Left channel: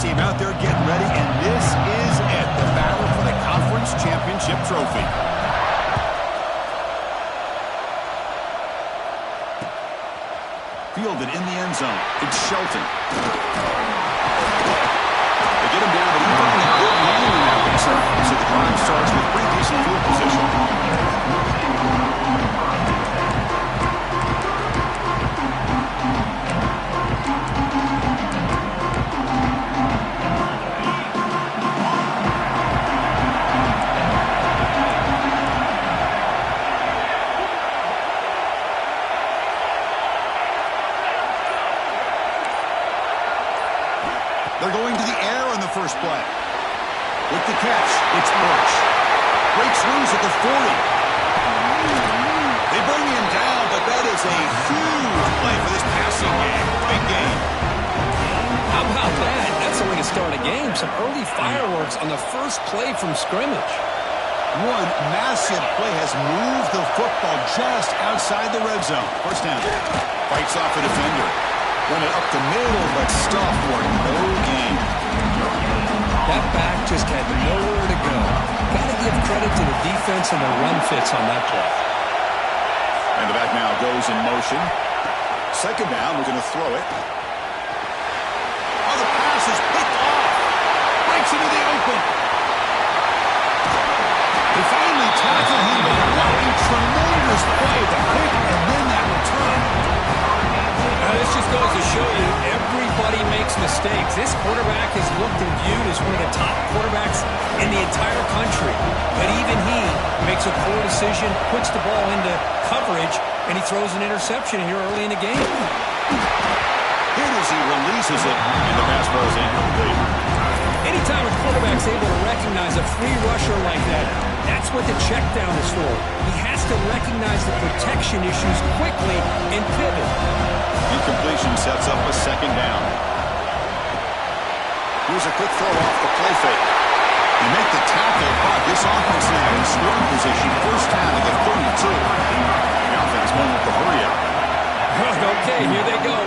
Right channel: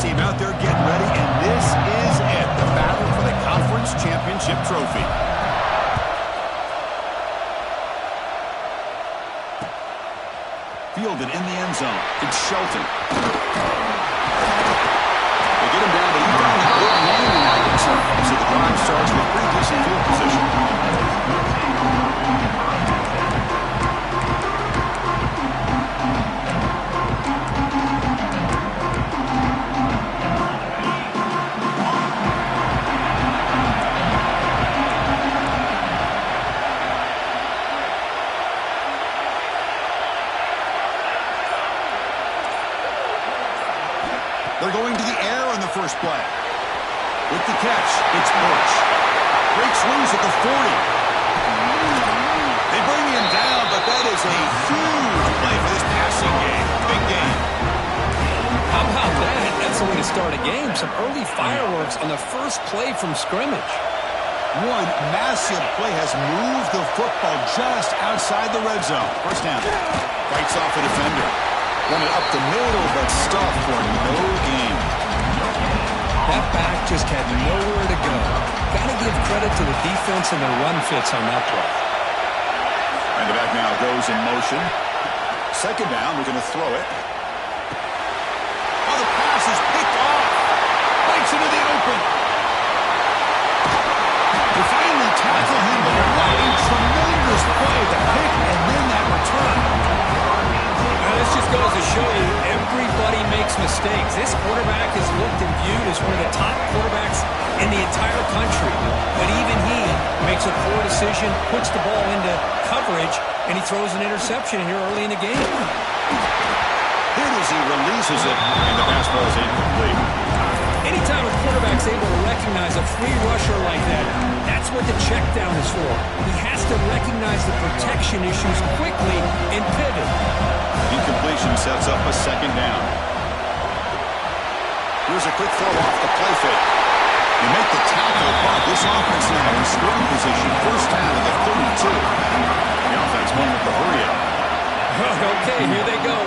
team out there getting ready, and this is it, the battle for the conference championship trophy. Fielded in the end zone. It's Shelton. They get him down, but he found a good lane in that one. So the drive starts with pretty decent field position. They're going to the air on the first play. With the catch, it's Birch. Breaks loose at the 40. They bring him down, but that is a huge play for this passing game. Big game. How about that? That's the way to start a game. Some early fireworks on the first play from scrimmage. One massive play has moved the football just outside the red zone. First down. Fights off a defender. Run it up the middle, but stuff for no gain. That back just had nowhere to go. Got to give credit to the defense and the run fits on that play. And the back now goes in motion. Second down, we're going to throw it. Oh, the pass is picked off. Breaks into the open. They finally tackle him, but what a tremendous play. The pick and then that return. Now, this just goes to show you everybody makes mistakes. This quarterback is looked and viewed as one of the top quarterbacks in the entire country. But even he makes a poor decision, puts the ball into coverage, and he throws an interception here early in the game. Hit as he releases it, and the pass ball is incomplete. Anytime a quarterback's able to recognize a free rusher like that, that's what the check down is for. He has to recognize the protection issues quickly and pivot. Incompletion sets up a second down. Here's a quick throw off the play fake. You make the tackle, but this offense now in scoring position. First down to the 32. The offense won with the hurry up. Okay, here they go.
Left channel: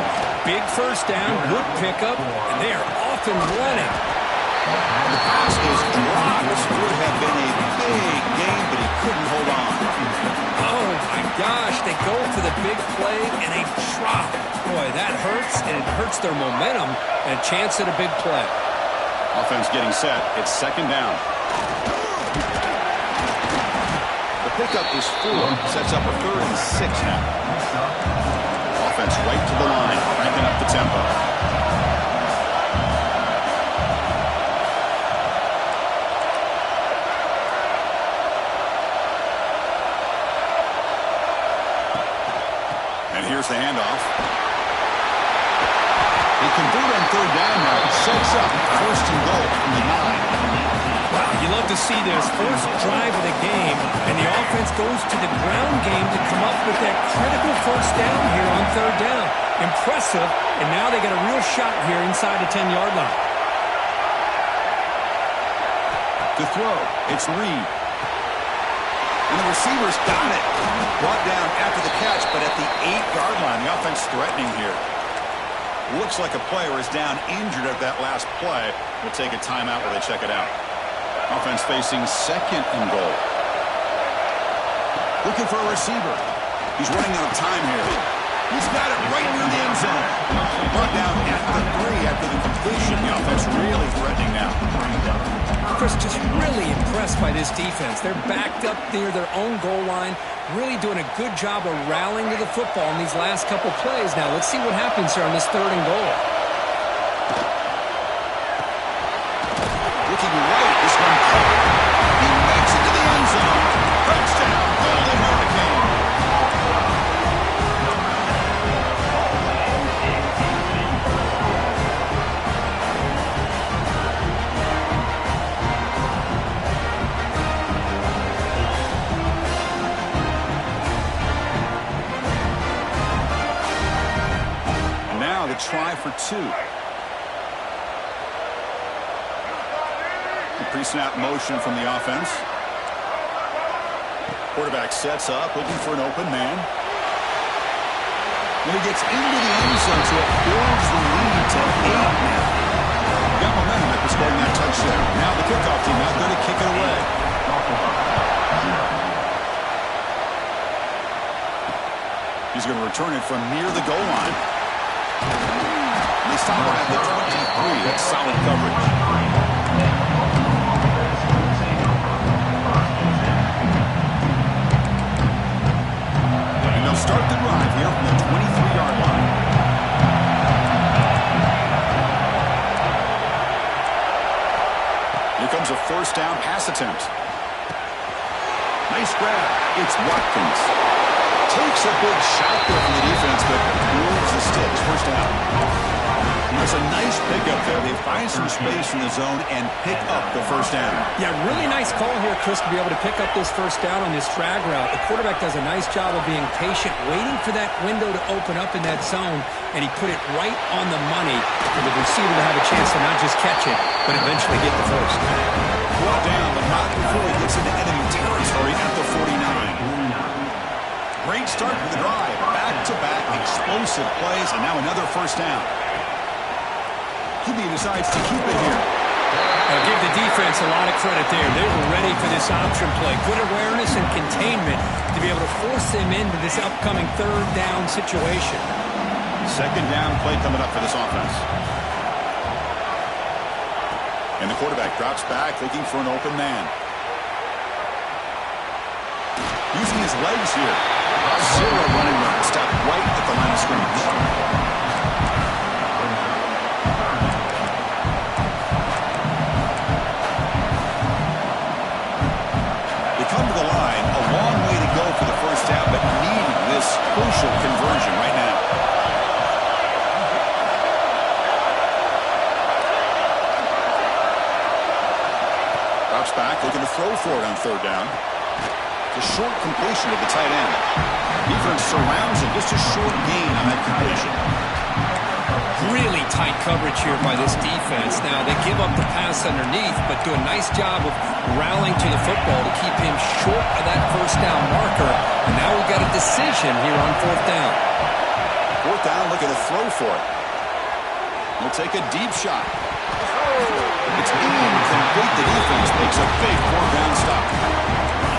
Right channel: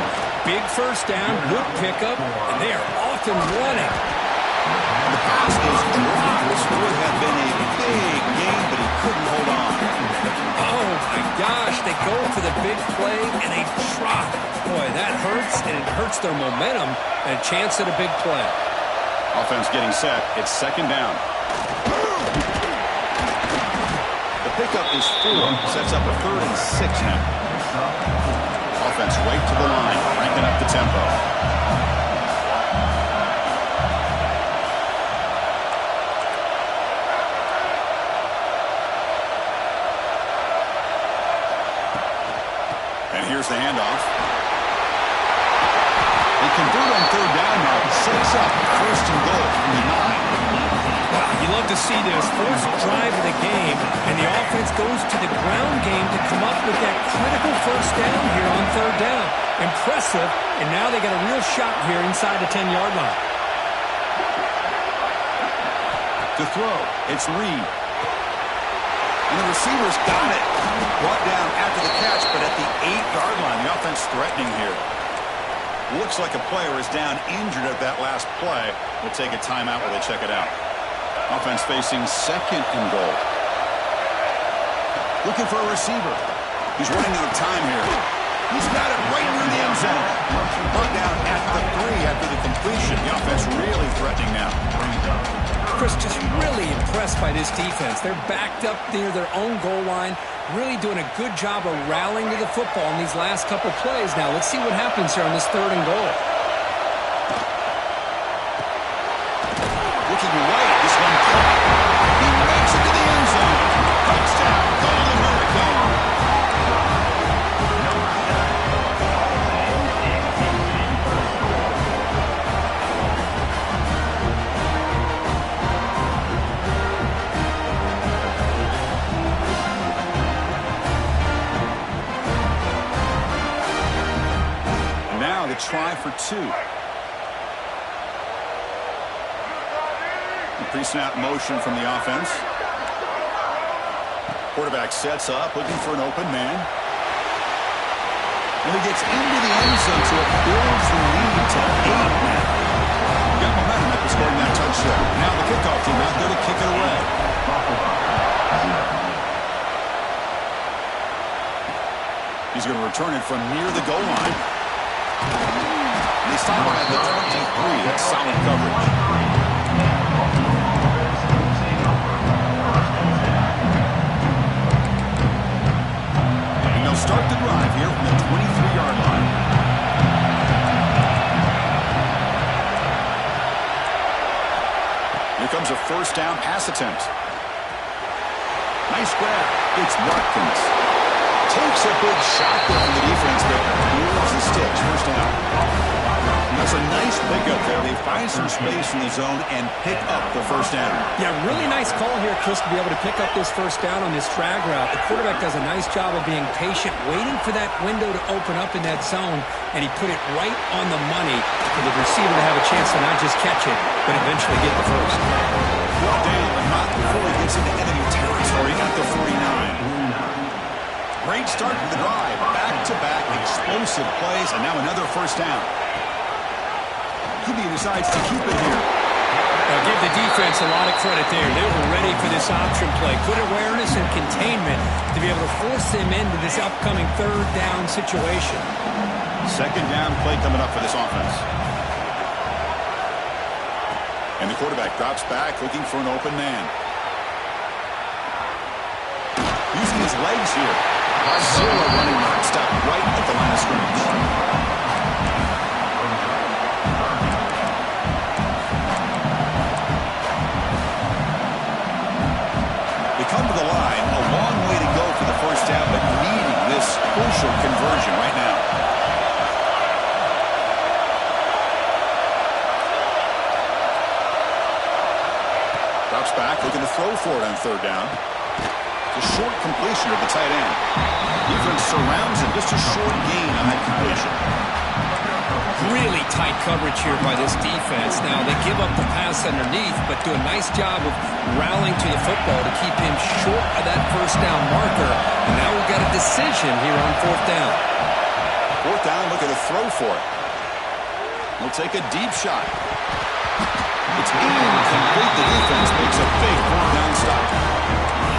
Big first down, good pickup, and they are off and running. The pass is dropped. This would have been a big game, but he couldn't hold on. Oh, my gosh. They go for the big play, and they drop. Boy, that hurts, and it hurts their momentum and a chance at a big play. Offense getting set. It's second down. The pickup is 4. Sets up a 3rd and 6 now. Offense right to the line, cranking up the tempo. And here's the handoff. They convert on third down now. Sets up first and goal from the 9. Wow, you love to see this. First drive of the game, and the offense goes to the ground game to come up with that critical first down here on third down. Impressive, and now they got a real shot here inside the 10-yard line. To throw, it's Reed. And the receiver's got it. Brought down after the catch, but at the 8-yard line, the offense threatening here. Looks like a player is down injured at that last play. We'll take a timeout while they check it out. Offense facing second and goal. Looking for a receiver. He's running out of time here. He's got it right near the end zone. Brought down at the 3 after the completion. The offense really threatening now. Chris, just really impressed by this defense. They're backed up near their own goal line, really doing a good job of rallying to the football in these last couple plays. Now, let's see what happens here on this 3rd and goal. Looking right, this one caught. He makes it to the end zone. Touchdown, Golden Hurricane. Now the try for 2. The pre-snap motion from the offense. Quarterback sets up, looking for an open man. When he gets into the end zone, so it builds the lead to 8 now. got momentum after scoring that touchdown. Now the kickoff team out there to kick it away. He's going to return it from near the goal line. And they stop him at the 23. That's solid coverage. And they'll start the drive here from the 23-yard line. Here comes a first down pass attempt. Nice grab. It's Watkins. Takes a big shot there from the defense, but moves the sticks. First down. That's a nice pickup there. They find some space in the zone and pick up the first down. Yeah, really nice call here, Chris, to be able to pick up this first down on this drag route. The quarterback does a nice job of being patient, waiting for that window to open up in that zone, and he put it right on the money for the receiver to have a chance to not just catch it, but eventually get the first. Brought down, but not before he gets into enemy territory at the 49. Great start to the drive. Back-to-back explosive plays, and now another first down. QB decides to keep it here. Now give the defense a lot of credit there. They were ready for this option play. Good awareness and containment to be able to force them into this upcoming third down situation. Second down play coming up for this offense. And the quarterback drops back looking for an open man. Using his legs here. Zero running room. Stop right at the line of scrimmage. They come to the line. A long way to go for the first down, but needing this crucial conversion right now. Drops back, looking to throw for it on third down. The short completion of the tight end. Defense surrounds him. Just a short gain on that completion. Really tight coverage here by this defense. Now, they give up the pass underneath, but do a nice job of rallying to the football to keep him short of that first down marker. And now we've got a decision here on fourth down. Fourth down, looking to throw for it. He'll take a deep shot. It's incomplete. The defense makes a big fourth down stop.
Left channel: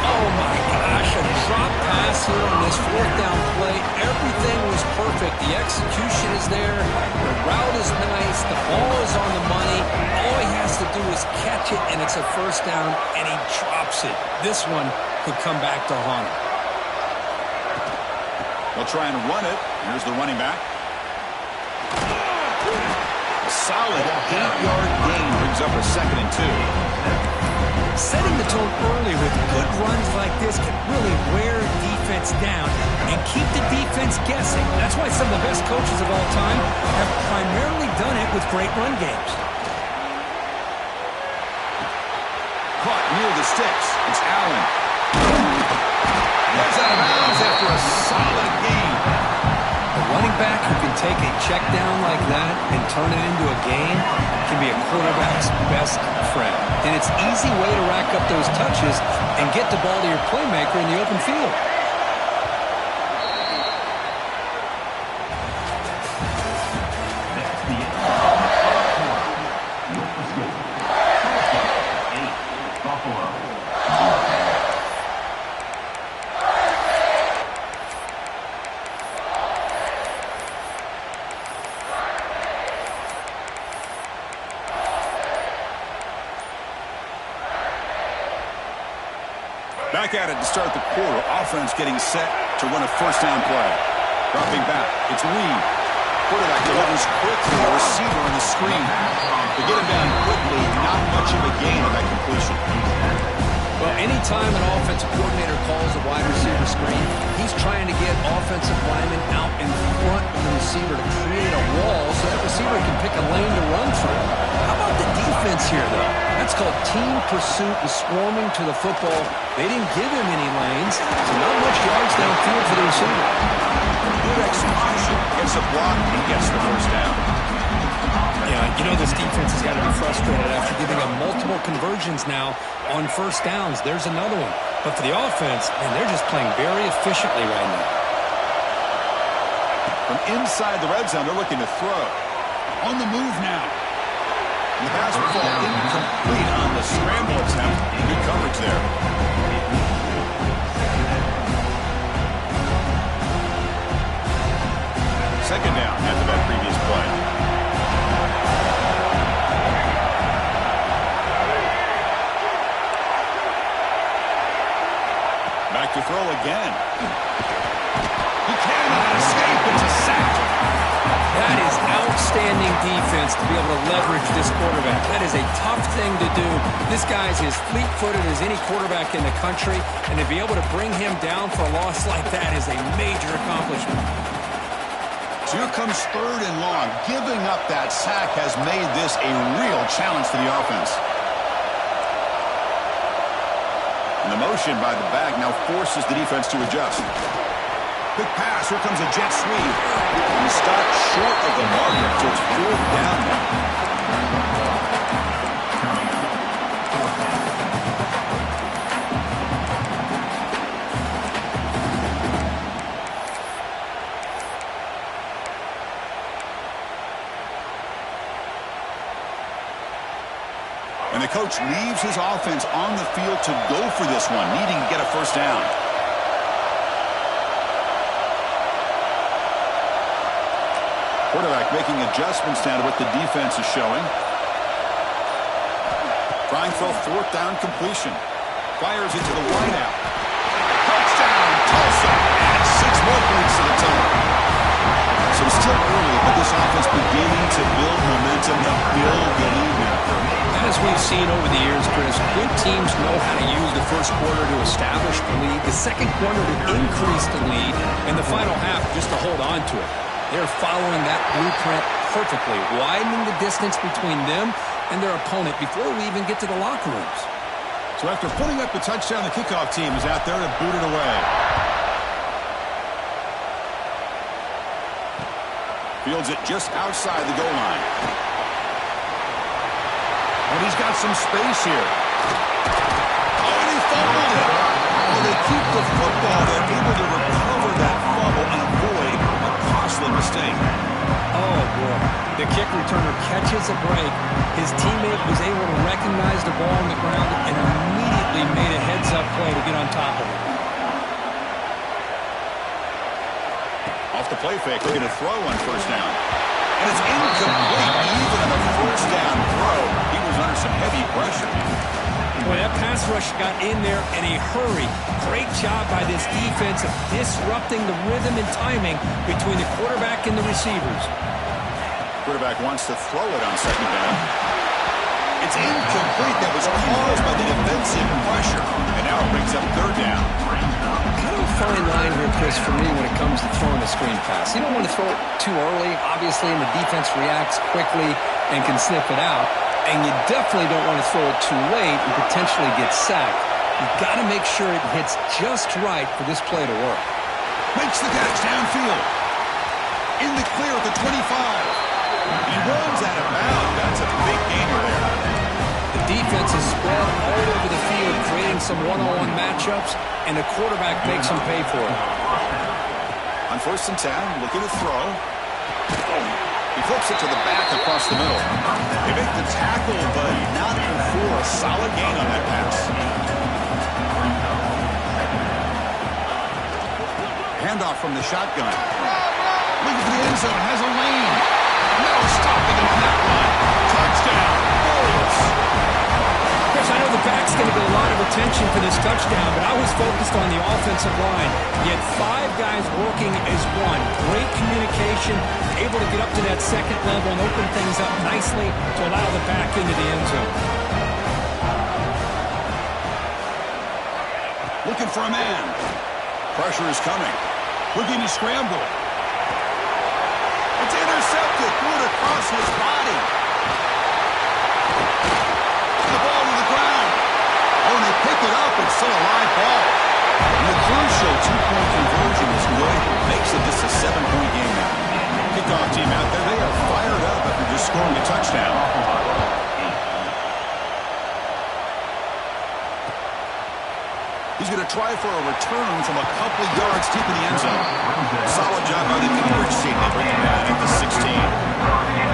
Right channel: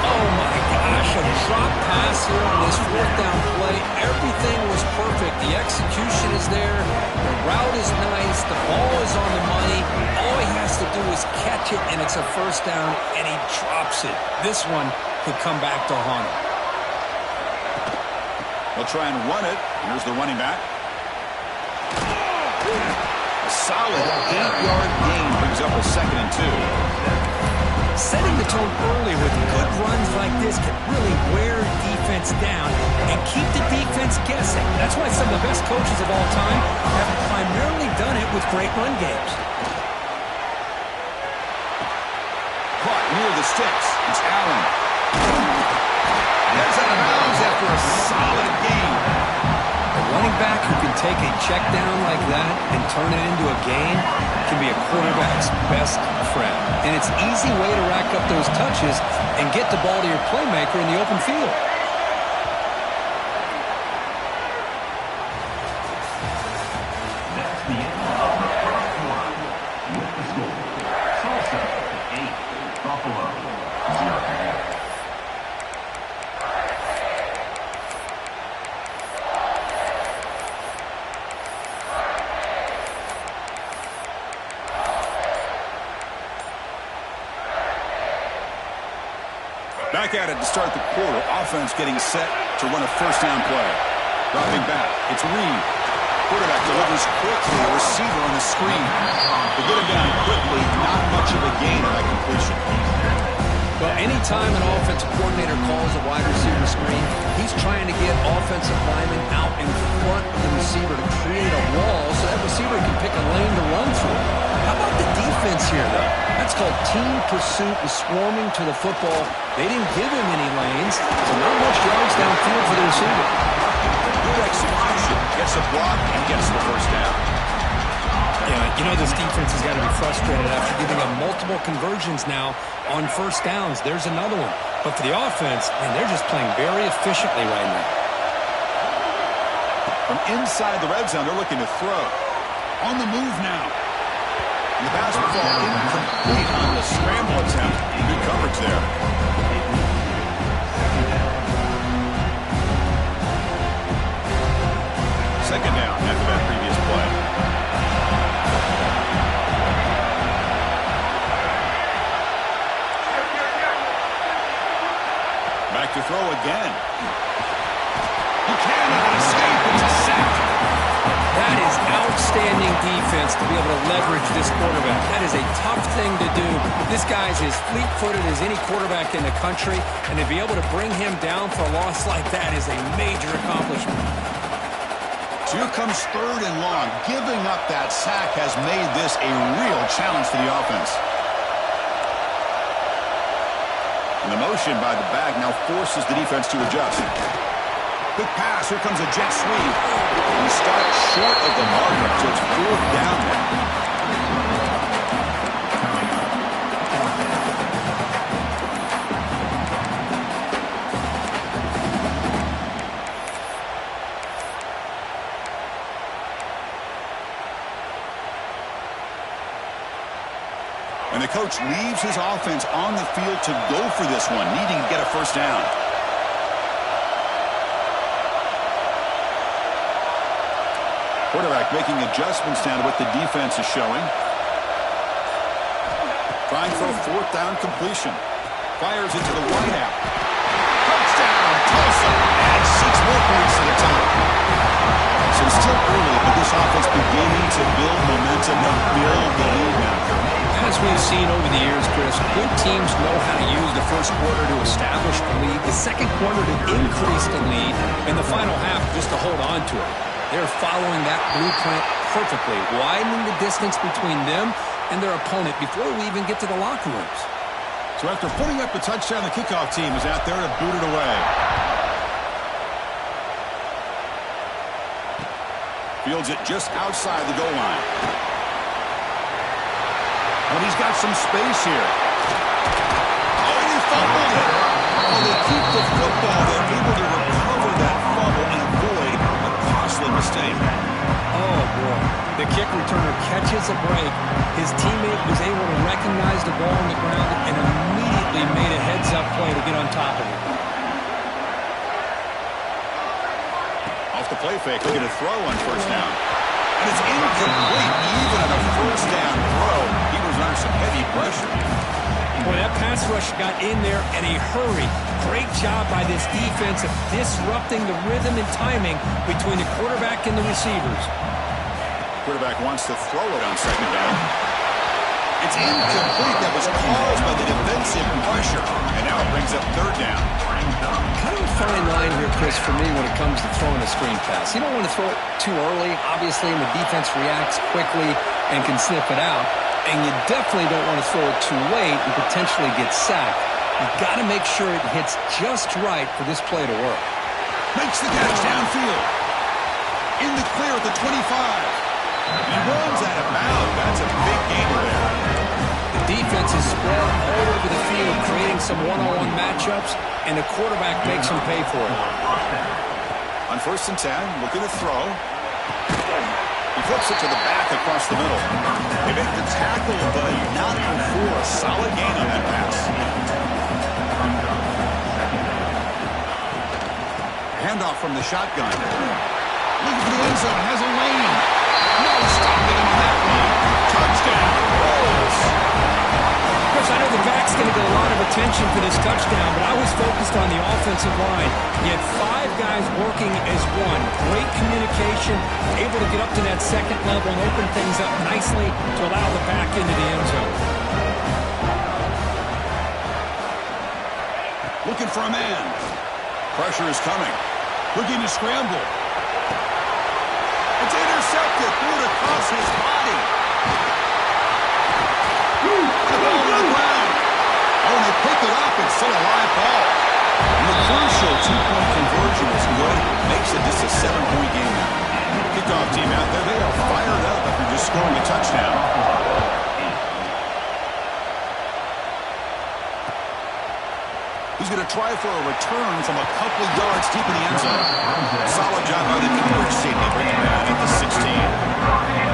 Oh, my gosh, a drop pass here on this fourth down play. Everything was perfect. The execution is there. The route is nice. The ball is on the money. All he has to do is catch it, and it's a first down, and he drops it. This one could come back to haunt him. They'll try and run it. Here's the running back. A solid 8-yard gain brings up a 2nd and 2. Setting the tone early with good runs like this can really wear a defense down and keep the defense guessing. That's why some of the best coaches of all time have primarily done it with great run games. Caught near the sticks. It's Allen. Gets out of bounds after a solid gain. A running back who can take a check down like that and turn it into a gain can be a quarterback's best friend. And it's an easy way to rack up those touches and get the ball to your playmaker in the open field. That's the end of the first quarter. With the score, Tulsa 8, Buffalo 0. Back at it to start the quarter. Offense getting set to run a first down play. Dropping back. It's Reed. Quarterback delivers quickly. A receiver on the screen. They get him down quickly. Not much of a gain on that completion. Well, anytime an offensive coordinator calls a wide receiver screen, he's trying to get offensive linemen out in front of the receiver to create a wall so that receiver can pick a lane to run through. How about the defense here, though? That's called team pursuit and swarming to the football. They didn't give him any lanes, so not much yards downfield for the receiver. Good execution. Gets a block and gets the first down. Yeah, you know this defense has got to be frustrated after giving up multiple conversions now on first downs. There's another one. But for the offense, man, they're just playing very efficiently right now. From inside the red zone, they're looking to throw. On the move now. The pass will fall incomplete on the scramble attempt. Good coverage there. Second down after that previous play. Back to throw again. He cannot escape. It's a sack. That is outstanding defense to be able to leverage this quarterback. That is a tough thing to do. This guy's as fleet-footed as any quarterback in the country, and to be able to bring him down for a loss like that is a major accomplishment. So here comes third and long. Giving up that sack has made this a real challenge for the offense. And the motion by the back now forces the defense to adjust. Quick pass. Here comes a jet sweep. He stopped short of the marker, so it's fourth down now. And the coach leaves his offense on the field to go for this one, needing to get a first down. Quarterback making adjustments down to what the defense is showing. Trying for a fourth down completion. Fires into the wideout. Touchdown, Tulsa. Adds 6 more points to the total. So it's still early, but this offense beginning to build momentum and build the lead now. As we've seen over the years, Chris, good teams know how to use the first quarter to establish the lead, the second quarter to increase the lead, and the final half just to hold on to it. They're following that blueprint perfectly, widening the distance between them and their opponent before we even get to the locker rooms. So after putting up the touchdown, the kickoff team is out there to boot it away. Fields it just outside the goal line. Oh, he's got some space here. Oh, and he fumbled it. Oh, they keep the football. They're able to recover that fumble and avoid a costly mistake. Oh, boy. The kick returner catches a break. His teammate was able to recognize the ball on the ground and immediately made a heads-up play to get on top of it. Off the play fake, looking to throw on first down. And it's incomplete. Even on a first down throw, he was under some heavy pressure. Boy, that pass rush got in there in a hurry. Great job by this defense of disrupting the rhythm and timing between the quarterback and the receivers. Quarterback wants to throw it on second down. It's incomplete. That was caused by the defensive pressure. And now it brings up third down. Kind of a fine line here, Chris, for me when it comes to throwing a screen pass. You don't want to throw it too early, obviously, and the defense reacts quickly and can sniff it out. And you definitely don't want to throw it too late and potentially get sacked. You've got to make sure it hits just right for this play to work. Makes the catch downfield. In the clear at the 25. And he runs out of bounds. That's a big gainer there. The defense is spread all over the field, creating some one-on-one matchups, and the quarterback makes them pay for it. On first and 10, looking to throw. He flips it to the back across the middle. They make the tackle, but not before a solid gain on that pass. Handoff from the shotgun. Looking for the end zone, has a lane. No stopping him on that one. Touchdown, Bulls. Chris, I know the back's going to get a lot of attention for this touchdown, but I was focused on the offensive line. You had 5 guys working as one. Great communication, able to get up to that second level and open things up nicely to allow the back into the end zone. Looking for a man. Pressure is coming. Looking to scramble. It's intercepted. Threw it across his body. The ball to the ground. Oh, and they pick it up. It's still a live ball. And the crucial 2-point conversion is good. Makes it just a 7-point game now. Kickoff team out there. They are fired up after just scoring a touchdown. He's going to try for a return from a couple yards deep in the end zone. Solid job by the coverage team. They bring him down at the 16.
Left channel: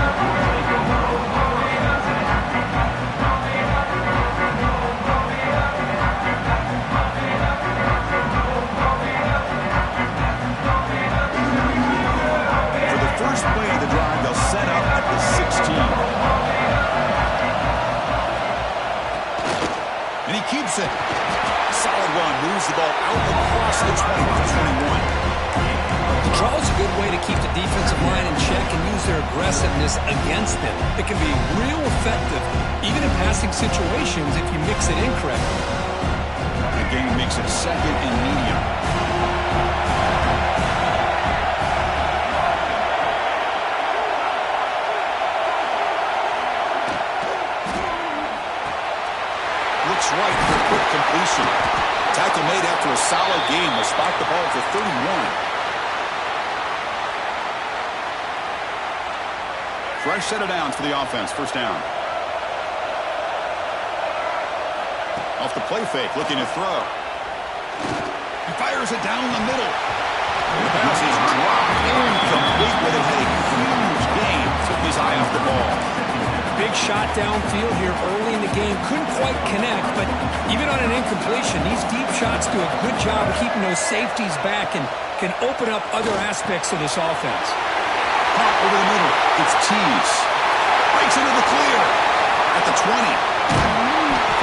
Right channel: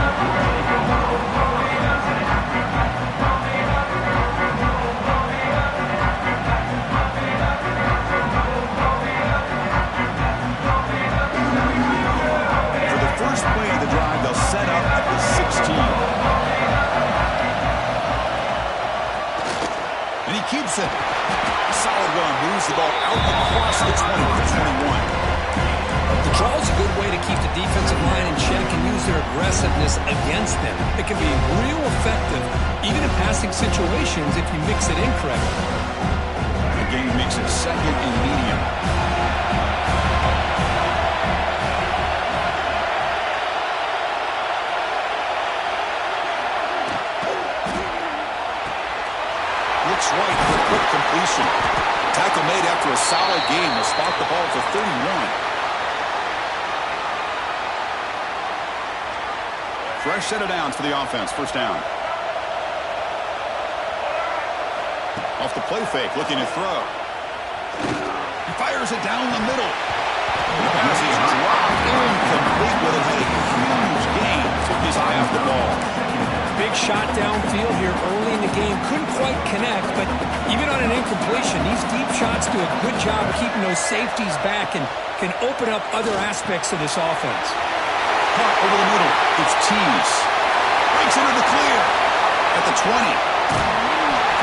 keeps it. Solid run, moves the ball out across the 20 to the 21. The draw is a good way to keep the defensive line in check and use their aggressiveness against them. It can be real effective, even in passing situations, if you mix it in correctly. The game makes it second and medium. Looks right for a quick completion. Tackle made after a solid game. Will spot the ball for 31. Fresh set of downs for the offense. First down. Off the play fake, looking to throw. He fires it down the middle. The pass is dropped. Incomplete, but it had a huge gain. Took his eye off the ball. Big shot downfield here early in the game. Couldn't quite connect, but even on an incompletion, these deep shots do a good job of keeping those safeties back and can open up other aspects of this offense. Hot over the middle. It's Tease. Breaks into the clear at the 20.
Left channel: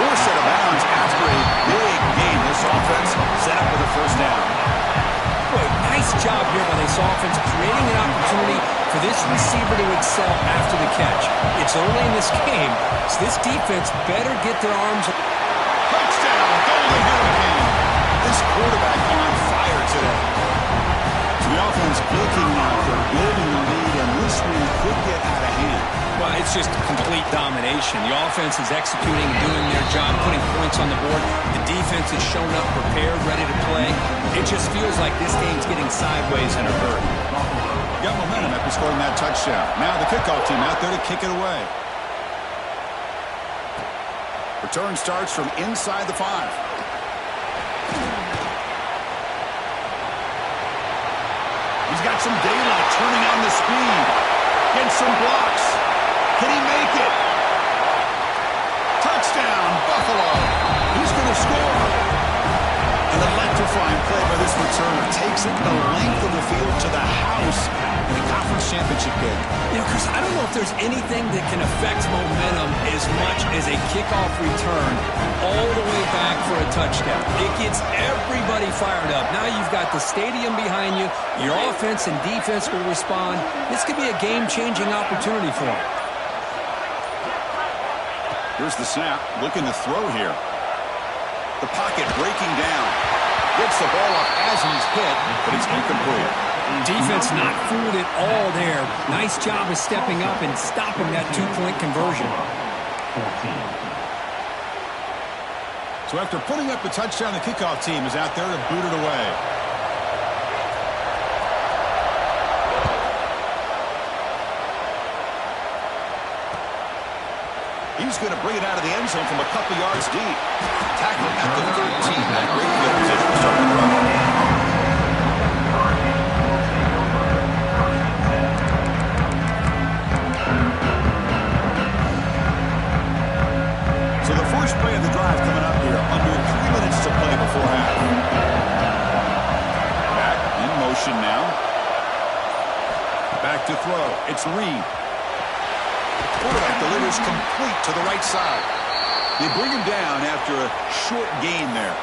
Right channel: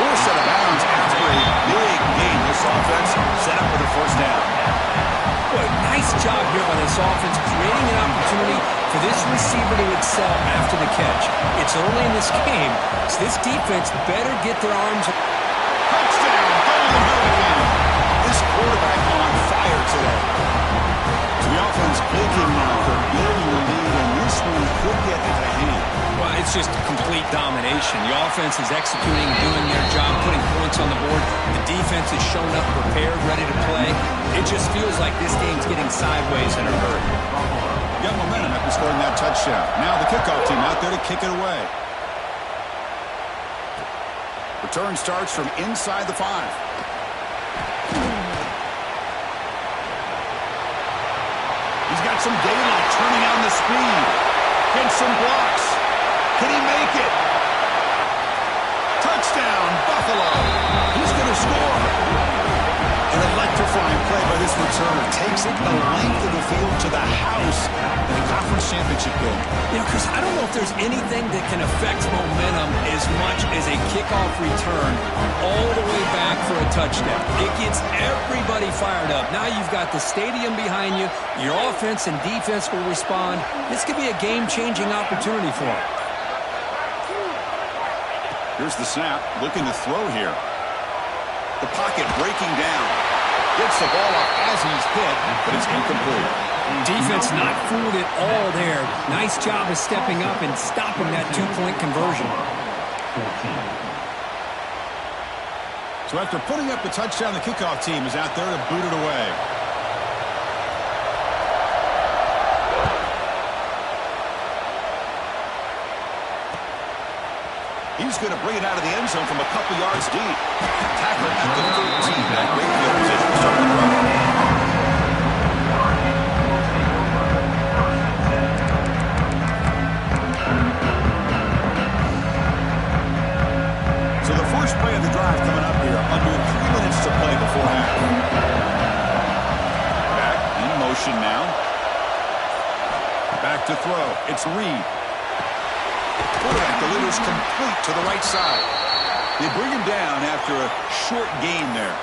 Fourth set of bounds after a big gain. This offense set up for the first down. Boy, nice job here by this offense, creating an opportunity for this receiver to excel after the catch. It's early in this game, so this defense better get their arms. Touchdown, Golden Hurricane. This quarterback on fire today. So the offense clicking now for building the lead, and this one could get out of hand. Well, it's just complete domination. The offense is executing and doing their job, putting points on the board. The defense is showing up prepared, ready to play. It just feels like this game's getting sideways in a hurry. Got momentum after scoring that touchdown. Now the kickoff team out there to kick it away. Return starts from inside the 5. He's got some daylight, turning on the speed. Gets some blocks. Can he make it? Touchdown, Buffalo. He's going to score. An electrifying play by this returner. Takes it the length of the field to the house in the conference championship game. You know, Chris, I don't know if there's anything that can affect momentum as much as a kickoff return all the way back for a touchdown. It gets everybody fired up. Now you've got the stadium behind you. Your offense and defense will respond. This could be a game-changing opportunity for them. Here's the snap. Looking to throw here. The pocket breaking down. Gets the ball up as he's hit, but it's incomplete. Defense not fooled at all there. Nice job of stepping up and stopping that two-point conversion. So after putting up the touchdown, the kickoff team is out there to boot it away. He's going to bring it out of the end zone from a couple yards deep. Tackle at the 13. That great field position to start the run. So the first play of the drive coming up here. Under 3 minutes to play before half. Back in motion now. Back to throw. It's Reed. Quarterback delivers complete to the right side. They bring him down after a short gain there.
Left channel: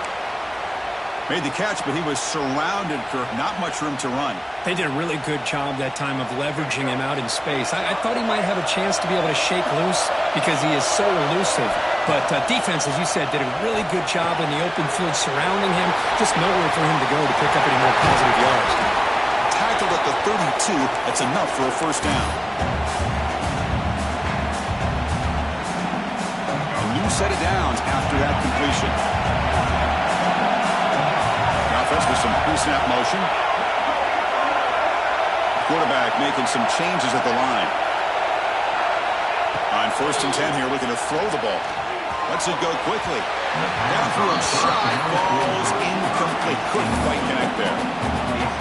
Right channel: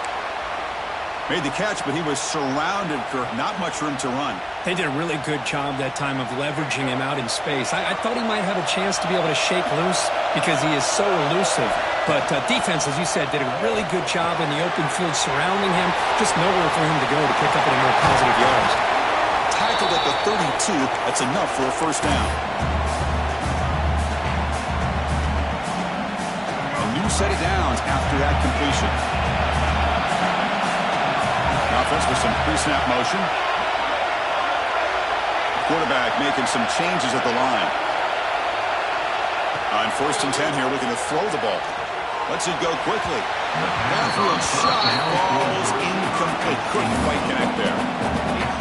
Made the catch, but he was surrounded, Kirk. Not much room to run. They did a really good job that time of leveraging him out in space. I thought he might have a chance to be able to shake loose because he is so elusive. But defense, as you said, did a really good job in the open field surrounding him. Just nowhere for him to go to pick up any more positive yards. Tackled at the 32. That's enough for a first down. New set of downs after that completion. The offense with some pre-snap motion. Quarterback making some changes at the line. On 1st and 10 here, looking to throw the ball. Lets it go quickly. Downfield shot, falls incomplete. Couldn't quite connect there.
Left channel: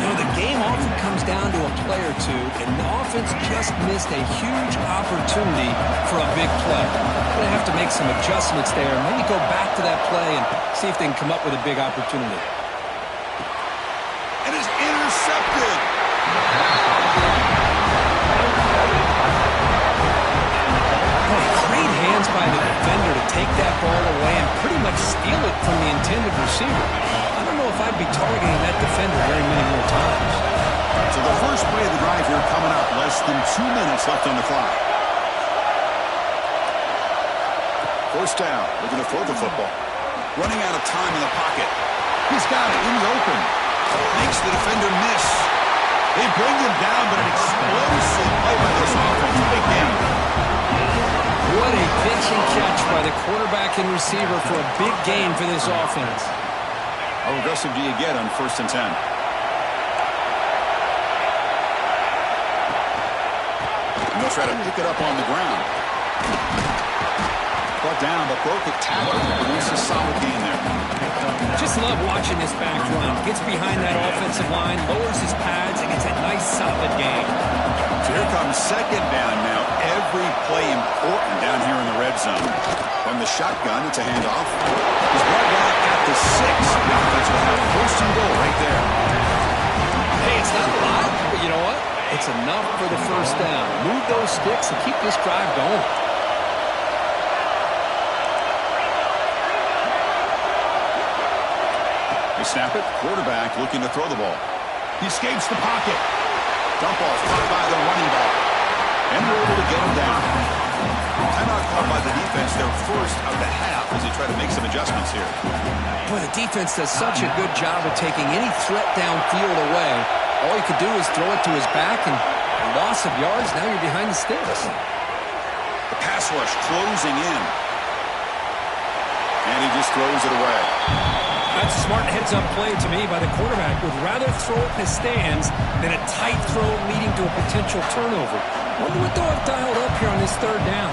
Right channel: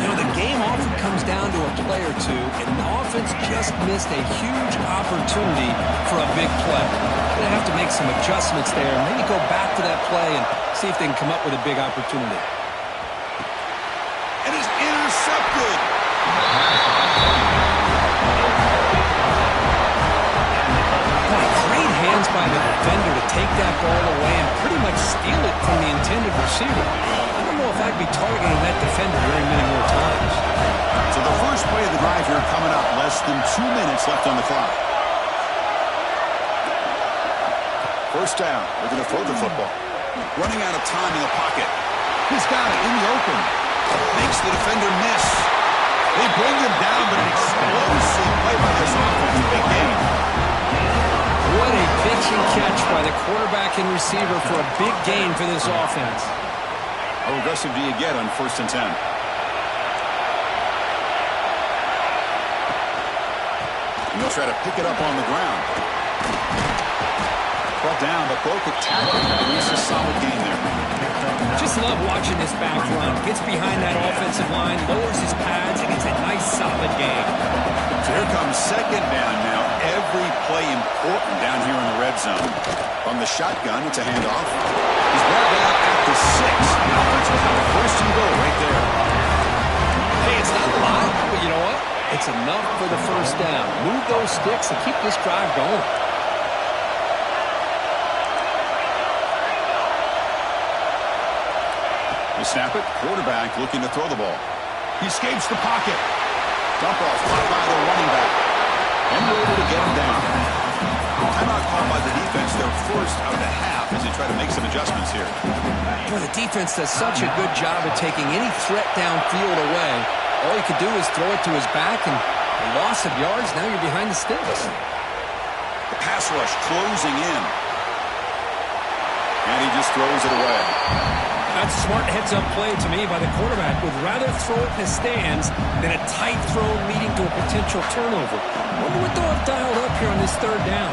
You know, the game often comes down to a play or two, and the offense just missed a huge opportunity for a big play. Going to have to make some adjustments there, maybe go back to that play and see if they can come up with a big opportunity. And it's intercepted. Boy, Great hands by the defender to take that ball away and pretty much steal it from the intended receiver. I don't know if I'd be targeting that defender very many more times. So the first play of the drive here coming up. Less than 2 minutes left on the clock. First down. Looking to throw the football. Running out of time in the pocket. He's got it in the open. Makes the defender miss. They bring him down, but an explosive play by this offense. Big game. What a pitch and catch by the quarterback and receiver for a big gain for this offense. How aggressive do you get on 1st and 10? And they'll try to pick it up on the ground. Brought down, but broke a tackle. It's a solid gain there. Just love watching this back run. Gets behind that offensive line, lowers his pads, and gets a nice solid gain. So here comes 2nd down now. Every play important down here in the red zone. From the shotgun, it's a handoff. He's brought down at the 6. The offense will have 1st and goal right there. Hey, it's not a lot, but you know what? It's enough for the 1st down. Move those sticks and keep this drive going. They snap it. Quarterback looking to throw the ball. He escapes the pocket. Dump off caught by the running back. And they're able to get him down. Timeout called by the defense, their first of the half, as they try to make some adjustments here. Boy, the defense does such a good job of taking any threat downfield away. All you could do is throw it to his back, and a loss of yards, now you're behind the sticks. The pass rush closing in. And he just throws it away. That's a smart heads-up play to me by the quarterback. Would rather throw it in the stands than a tight throw leading to a potential turnover. Wonder what they'll have dialed up here on this 3rd down.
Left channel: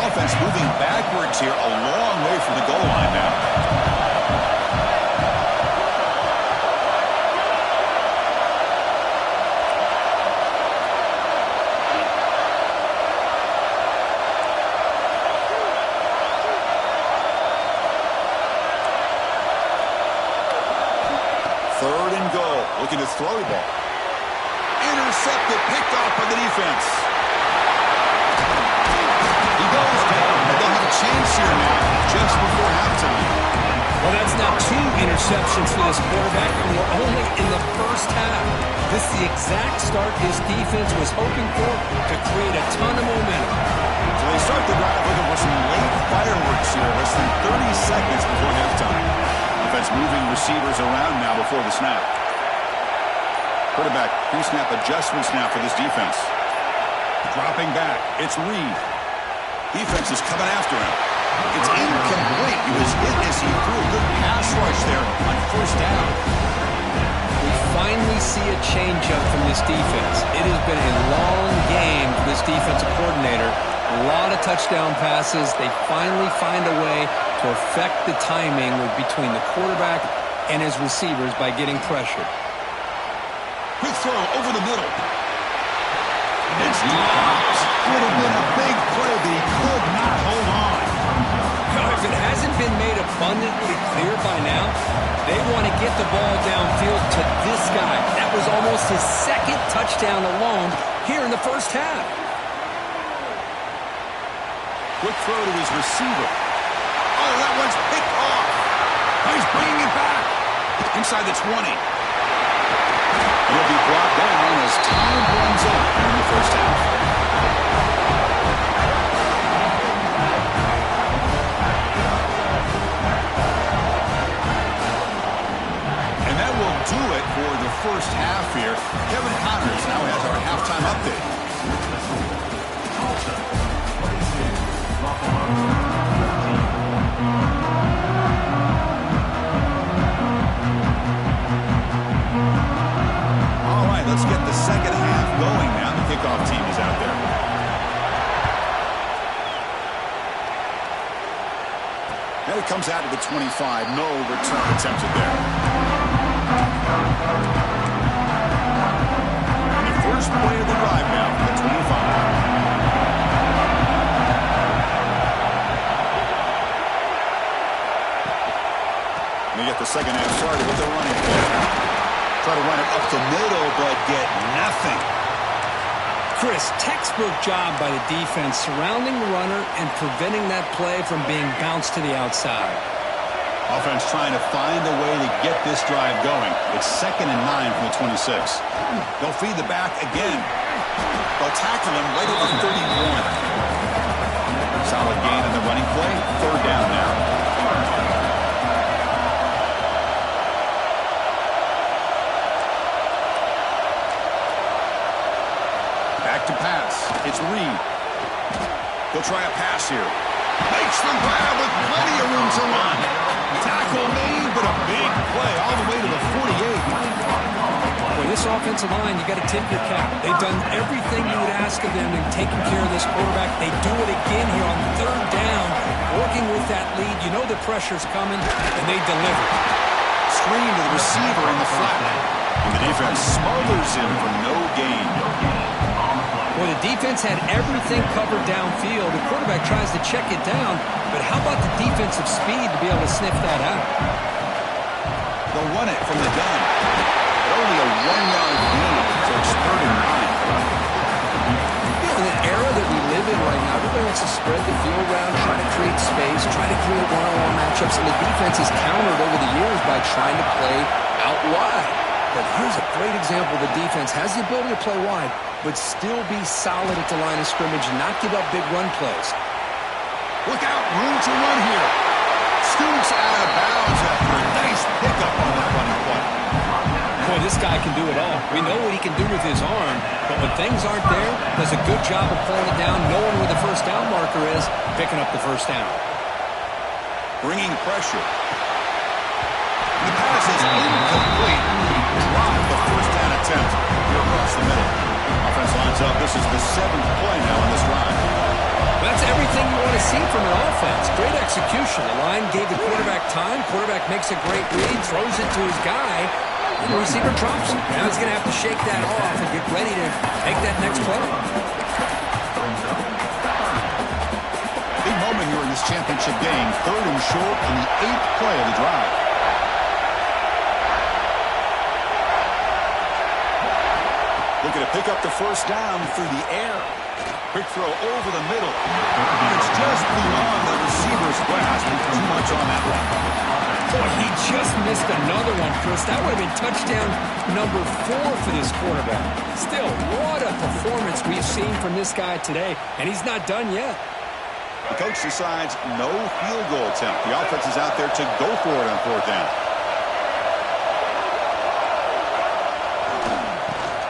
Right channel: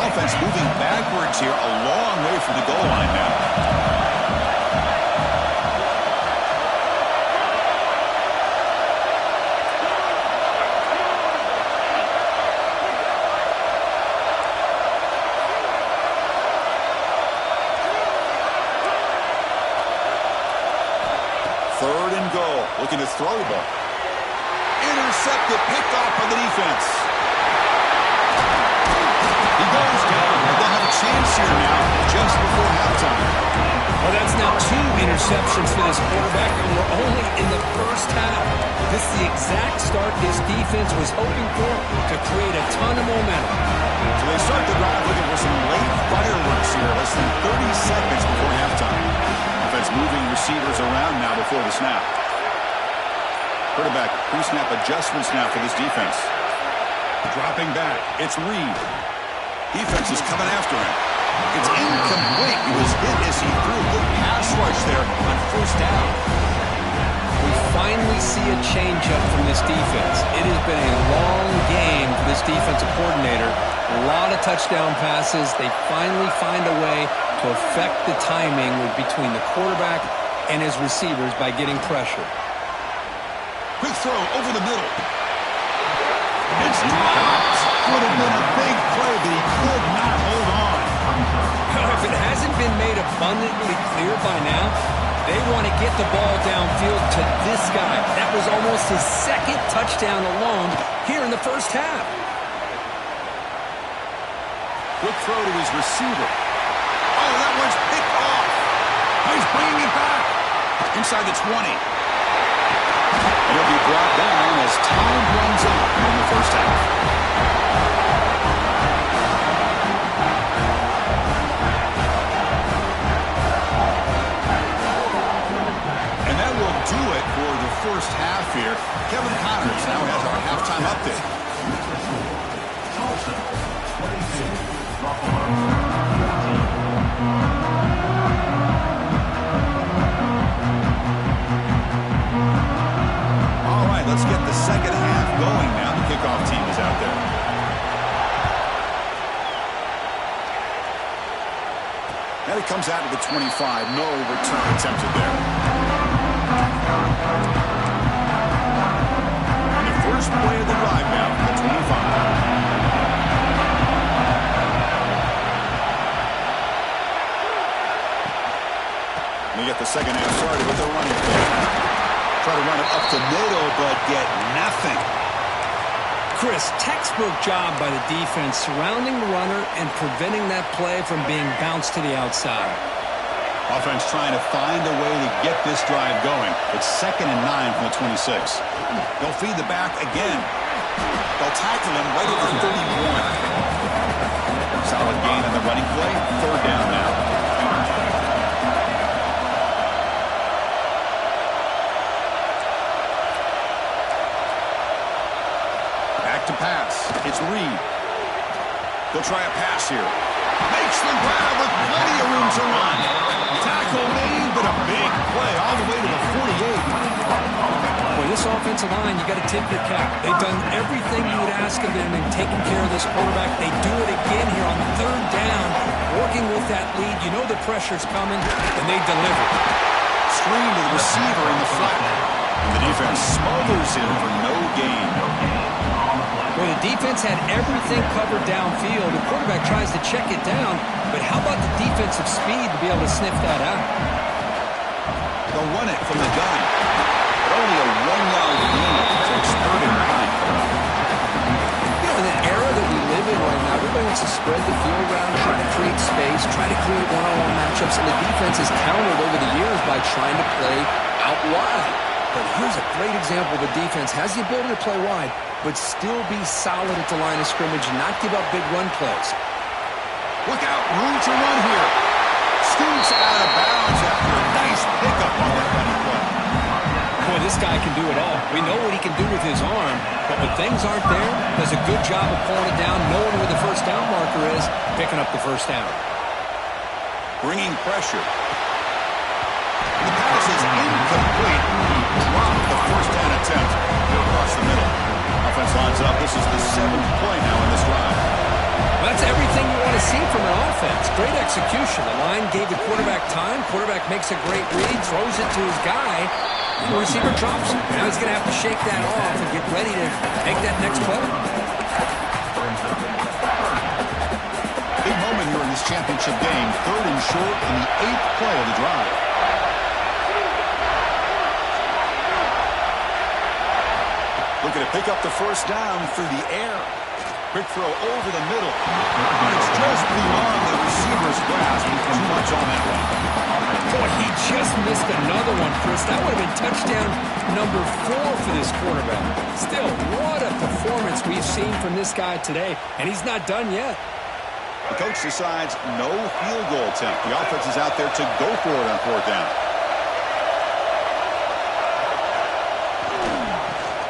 Offense moving backwards here, a long way from the goal line now. Third and goal. Looking to throw the ball. Intercepted, picked off by the defense. He goes down, and they'll have a chance here now just before halftime. Well, that's now 2 interceptions for this quarterback, and we're only in the 1st half. This is the exact start this defense was hoping for to create a ton of momentum. So they start the drive looking for some late fireworks here, less than 30 seconds before halftime. Offense moving receivers around now before the snap. Quarterback pre-snap adjustments now for this defense. Dropping back, it's Reed. Defense is coming after him. It's incomplete. He was hit as he threw a good pass rush there on 1st down. We finally see a changeup from this defense. It has been a long game for this defensive coordinator. A lot of touchdown passes. They finally find a way to affect the timing between the quarterback and his receivers by getting pressure. Quick throw over the middle. It's dropped. Would have been a big play, but he could not hold on. If it hasn't been made abundantly clear by now, they want to get the ball downfield to this guy. That was almost his 2nd touchdown alone here in the 1st half. Quick throw to his receiver. Oh, that one's picked off. Now he's bringing it back. Inside the 20. He'll be brought down as time runs out in the 1st half. And that will do it for the 1st half here. Kevin Connors now has our halftime update. Tulsa, 22, Buffalo. All right, let's get the 2nd half going now. The kickoff team is out there. And it comes out to the 25. No return attempted there. And the first play of the drive now for the 25. We get the 2nd half started with the running play. Try to run it up the middle, but get nothing. Chris, textbook job by the defense surrounding the runner and preventing that play from being bounced to the outside. Offense trying to find a way to get this drive going. It's 2nd and 9 from the 26. They'll feed the back again. They'll tackle him right at the 31. Solid gain on the running play. 3rd down now. Back to pass. It's Reed. They'll try a pass here. Makes the grab with plenty of room to run. Tackle made, but a big play all the way to the 48. Boy, this offensive line, you got to tip your cap. They've done everything you would ask of them in taking care of this quarterback. They do it again here on 3rd down, working with that lead. You know the pressure's coming, and they deliver. Screen to the receiver in the flat. And the defense smothers him for no gain. Well, the defense had everything covered downfield. The quarterback tries to check it down, but how about the defensive speed to be able to sniff that out? They'll run it from the gun, but only a 1-yard gain, so it's 3rd and 9. You know, in the era that we live in right now, everybody wants to spread the field around, try to create space, try to create one-on-one matchups, and the defense is countered over the years by trying to play out wide. But here's a great example. The defense has the ability to play wide, but still be solid at the line of scrimmage and not give up big run plays. Look out, room to run here. Scoots out of bounds after a nice pickup on that running play. Boy, this guy can do it all. We know what he can do with his arm, but when things aren't there, does a good job of pulling it down, knowing where the first down marker is, picking up the first down. Bringing pressure. The pass is incomplete. Dropped the first down attempt across the middle. Offense lines up. This is the 7th play now in this drive. Well, that's everything you want to see from an offense. Great execution. The line gave the quarterback time. Quarterback makes a great read, throws it to his guy, and the receiver drops it. Now he's going to have to shake that off and get ready to make that next play. Big moment here in this championship game. 3rd and short on the 8th play of the drive. Looking to pick up the first down through the air. Quick throw over the middle. And it's just beyond the receiver's grasp. Too much on that one. Boy, he just missed another one, Chris. That would have been touchdown number 4 for this quarterback. Still, what a performance we've seen from this guy today. And he's not done yet. The coach decides no field goal attempt. The offense is out there to go for it on 4th down.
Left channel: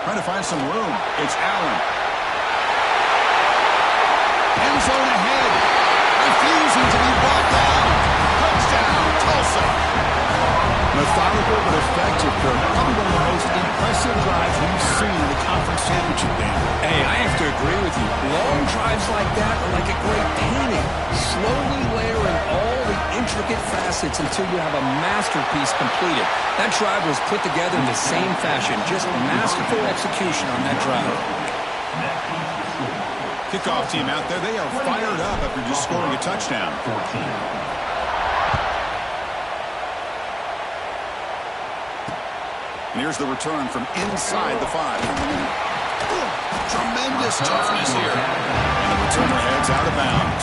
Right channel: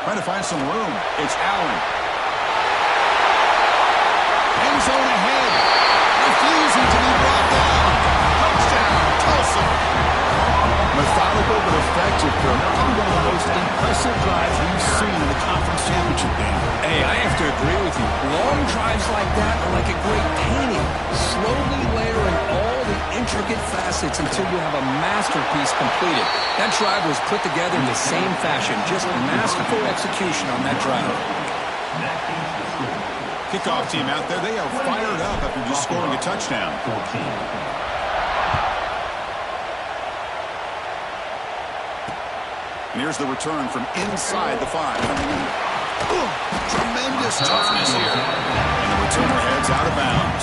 Trying to find some room. It's Allen. End zone ahead. Refusing to be brought down. Touchdown, Tulsa. Methodical but effective, Kirk. Probably one of the most impressive drives we've seen in the conference championship game. Hey, I have to agree with you. Long drives like that are like a great painting. Slowly layering all the intricate facets until you have a masterpiece completed. That drive was put together in the same fashion. Just masterful execution on that drive. Kickoff team out there. They are fired up after just scoring a touchdown. 14. And here's the return from inside the 5. Tremendous toughness here. And the returner heads out of bounds.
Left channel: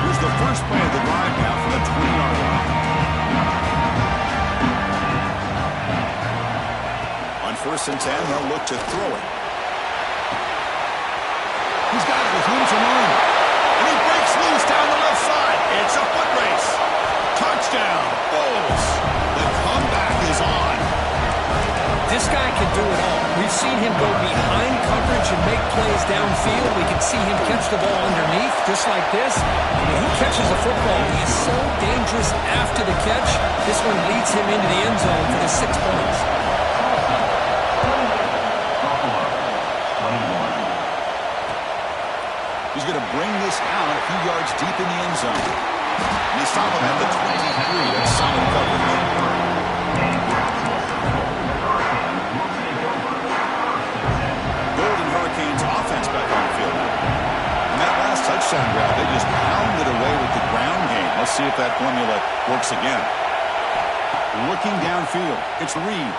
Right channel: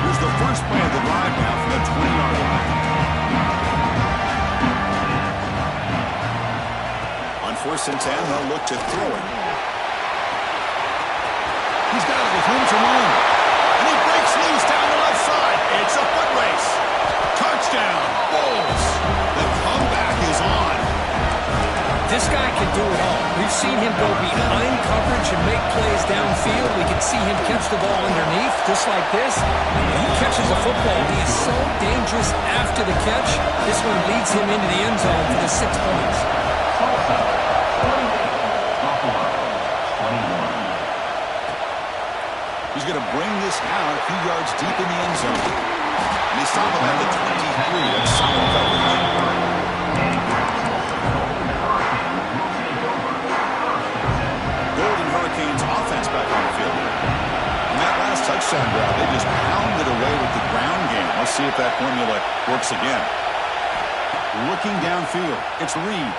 Here's the first play of the drive now from the 20-yard line. On 1st and 10, they'll look to throw it. He's got it with room to run. And he breaks loose down the left side. It's a foot race. Touchdown, Bulls. The comeback is on. This guy can do it all. We've seen him go behind coverage and make plays downfield. We can see him catch the ball underneath, just like this. When he catches a football, he is so dangerous after the catch. This one leads him into the end zone for the 6 points. Tulsa, 28. Buffalo, 21. He's going to bring this out a few yards deep in the end zone. And they stop him at the 23. That's solid coverage. Golden Hurricanes offense back on the field. On that last touchdown drive, they just pounded away with the ground game. Let's see if that formula works again. Looking downfield, it's Reed.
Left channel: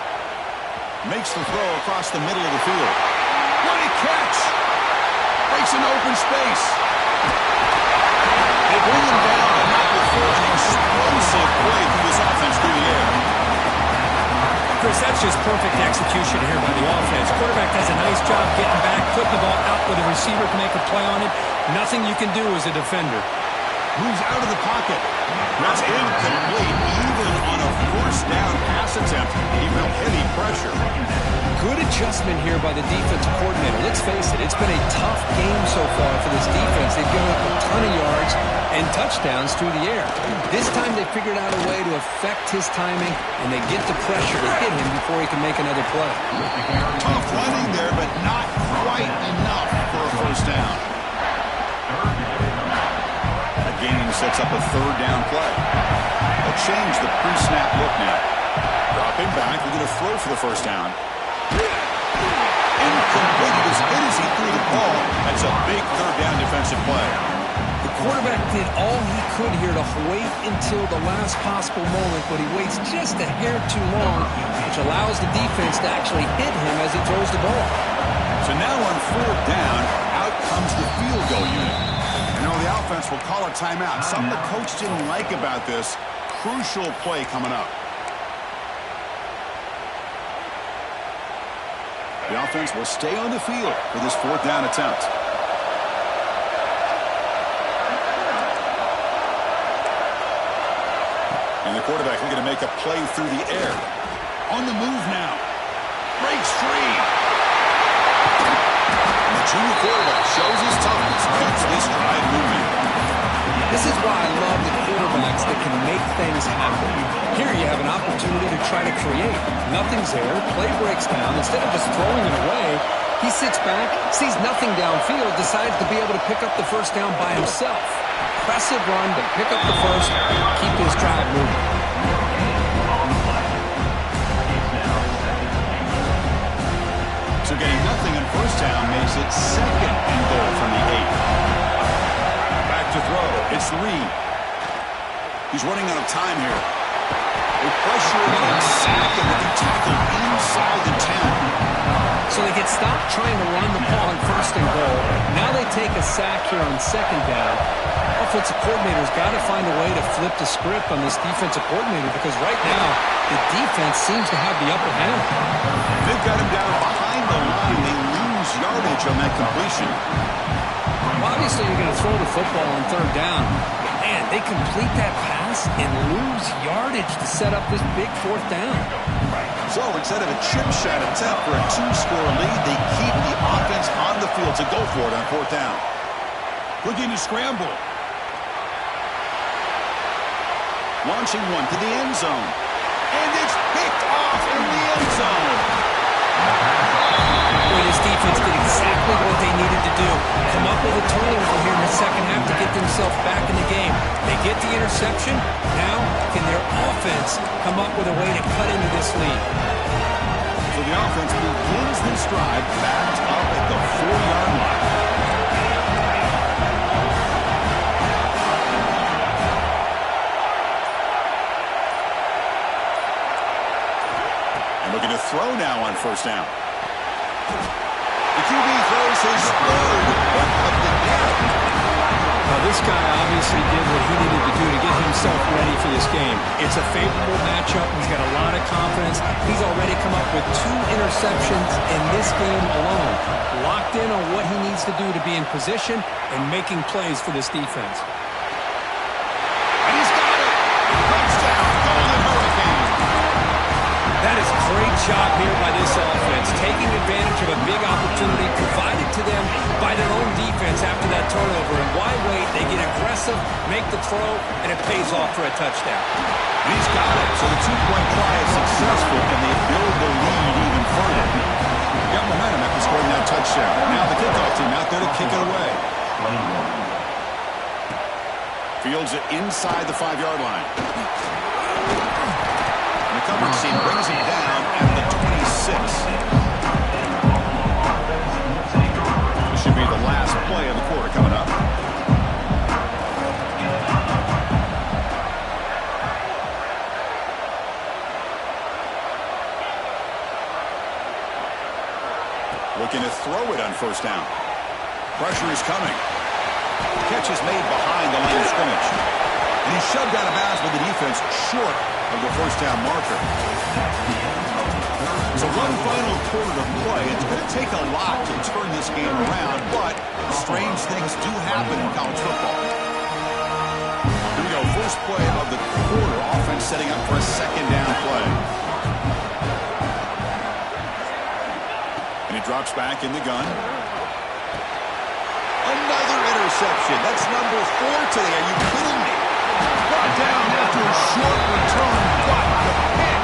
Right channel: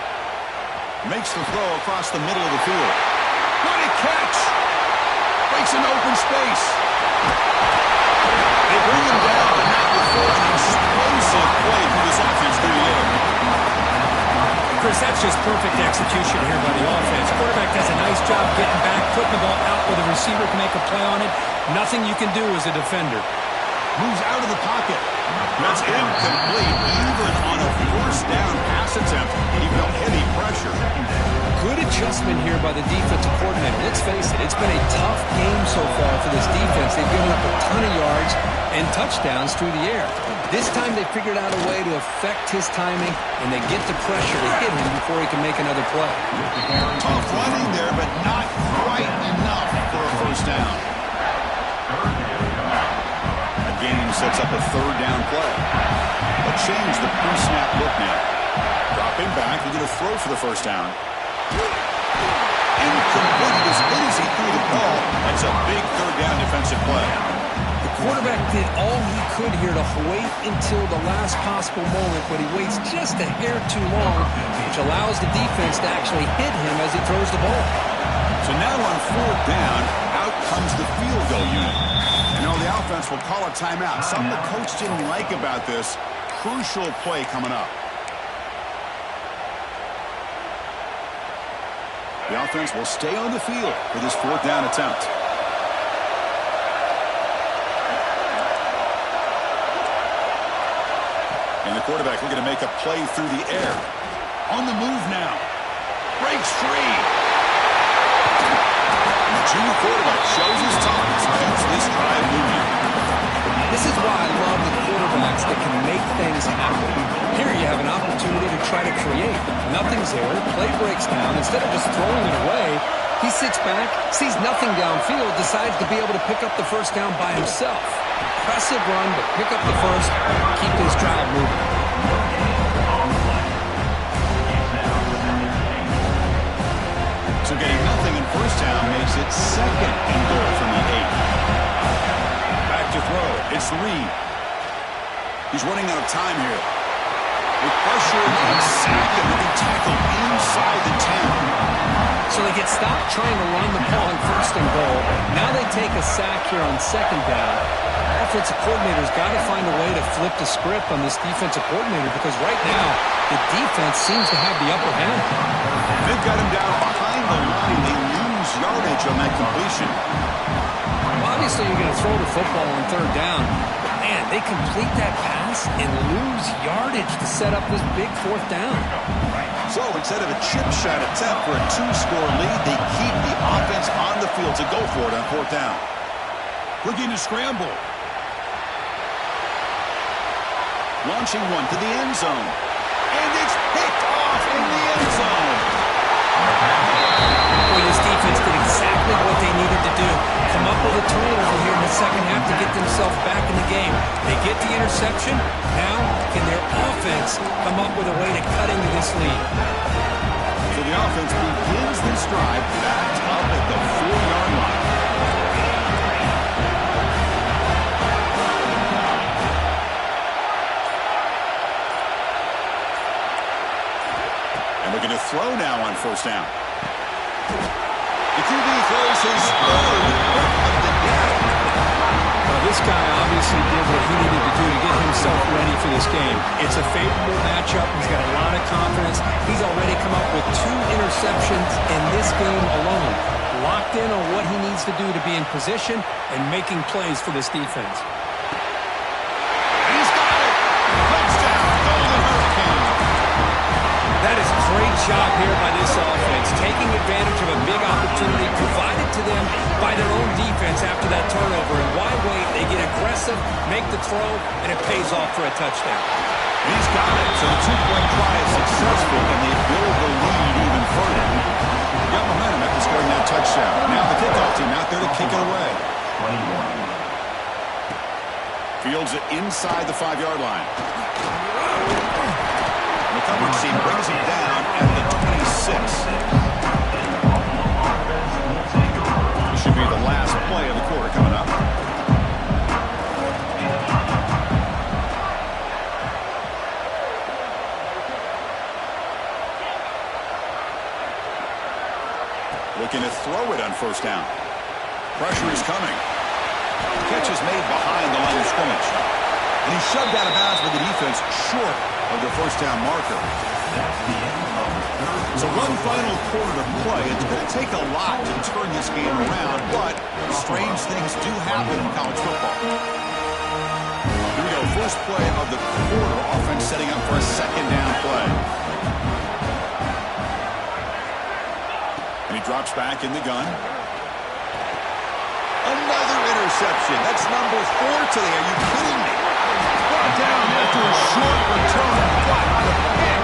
Makes the throw across the middle of the field. What a catch! Breaks an open space. They bring him down, but not before an explosive play through this offense through the air. Chris, that's just perfect execution here by the offense. Quarterback does a nice job getting back, putting the ball out where the receiver can make a play on it. Nothing you can do as a defender. Moves out of the pocket. That's incomplete, even on a first down pass attempt. He felt heavy pressure. Good adjustment here by the defensive coordinator. Let's face it, it's been a tough game so far for this defense. They've given up a ton of yards and touchdowns through the air. This time they figured out a way to affect his timing, and they get the pressure to hit him before he can make another play. Tough running there, but not quite enough for a first down. A gain sets up a third down play. They'll change the pre-snap look now. Dropping back, they're going to throw for the first down. Incomplete. As hit as he threw the ball. That's a big third down defensive play. The quarterback did all he could here to wait until the last possible moment, but he waits just a hair too long, which allows the defense to actually hit him as he throws the ball. So now on fourth down, out comes the field goal unit. And now the offense will call a timeout. Something the coach didn't like about this. Crucial play coming up. The offense will stay on the field for this fourth down attempt. And the quarterback looking to make a play through the air. On the move now. Breaks free. And the junior quarterback shows his toughness. Keeps this drive moving. This is why I love the quarterbacks that can make things happen. Here you have an opportunity to try to create. Nothing's there. Play breaks down. Instead of just throwing it away, he sits back, sees nothing downfield, decides to be able to pick up the first down by himself. Impressive run to pick up the first, keep this drive moving. So getting nothing in first down makes it second and goal from the 8. Back to throw. It's Reed. He's running out of time here. With pressure and sack, and then he tackled inside the 10. So they get stopped trying to run the ball on first and goal. Now they take a sack here on second down. Offensive coordinator's got to find a way to flip the script on this defensive coordinator, because right now the defense seems to have the upper hand. They've got him down behind the line. They lose yardage on that completion. Well, obviously you're going to throw the football on third down. But man, they complete that pass and lose yardage to set up this big fourth down. So instead of a chip shot attempt for a 2-score lead, they keep the offense on the field to go for it on fourth down. Looking to scramble. Launching one to the end zone. And it's picked off in the end zone. Boy, this defense did exactly what they needed to do. Come up with a turnover here in the second half to get themselves back in the game. They get the interception. Now, can their offense come up with a way to cut into this lead? So the offense begins this drive backed up at the 4-yard line. And looking to throw now on first down. The QB throws his third pick of the day. Well, this guy obviously did what he needed to do to get himself ready for this game. It's a favorable matchup. He's got a lot of confidence. He's already come up with 2 interceptions in this game alone. Locked in on what he needs to do to be in position and making plays for this defense. And he's got it. Touchdown, Golden Hurricane. That is a great job here by this offense, taking advantage of a big opportunity provided to them by their own defense after that turnover. And why wait? They get aggressive, make the throw, and it pays off for a touchdown. And he's got it. So the 2-point try is successful, and they build the lead even further. Got momentum after scoring that touchdown. Now the kickoff team out there to kick it away. 21. Fields it inside the 5-yard line. And the coverage team brings him down at the 26. This should be the last play of the quarter coming up. Looking to throw it on first down. Pressure is coming. Catch is made behind the line of scrimmage. And he's shoved out of bounds by the defense short of the first down marker. That's the end of the third. So one final quarter to play. It's going to take a lot to turn this game around, but strange things do happen in college football. Here we go. First play of the quarter. Offense setting up for a second down play. And he drops back in the gun. Another interception. That's number 4 today. Are you kidding me? Brought down after a short return, but the pick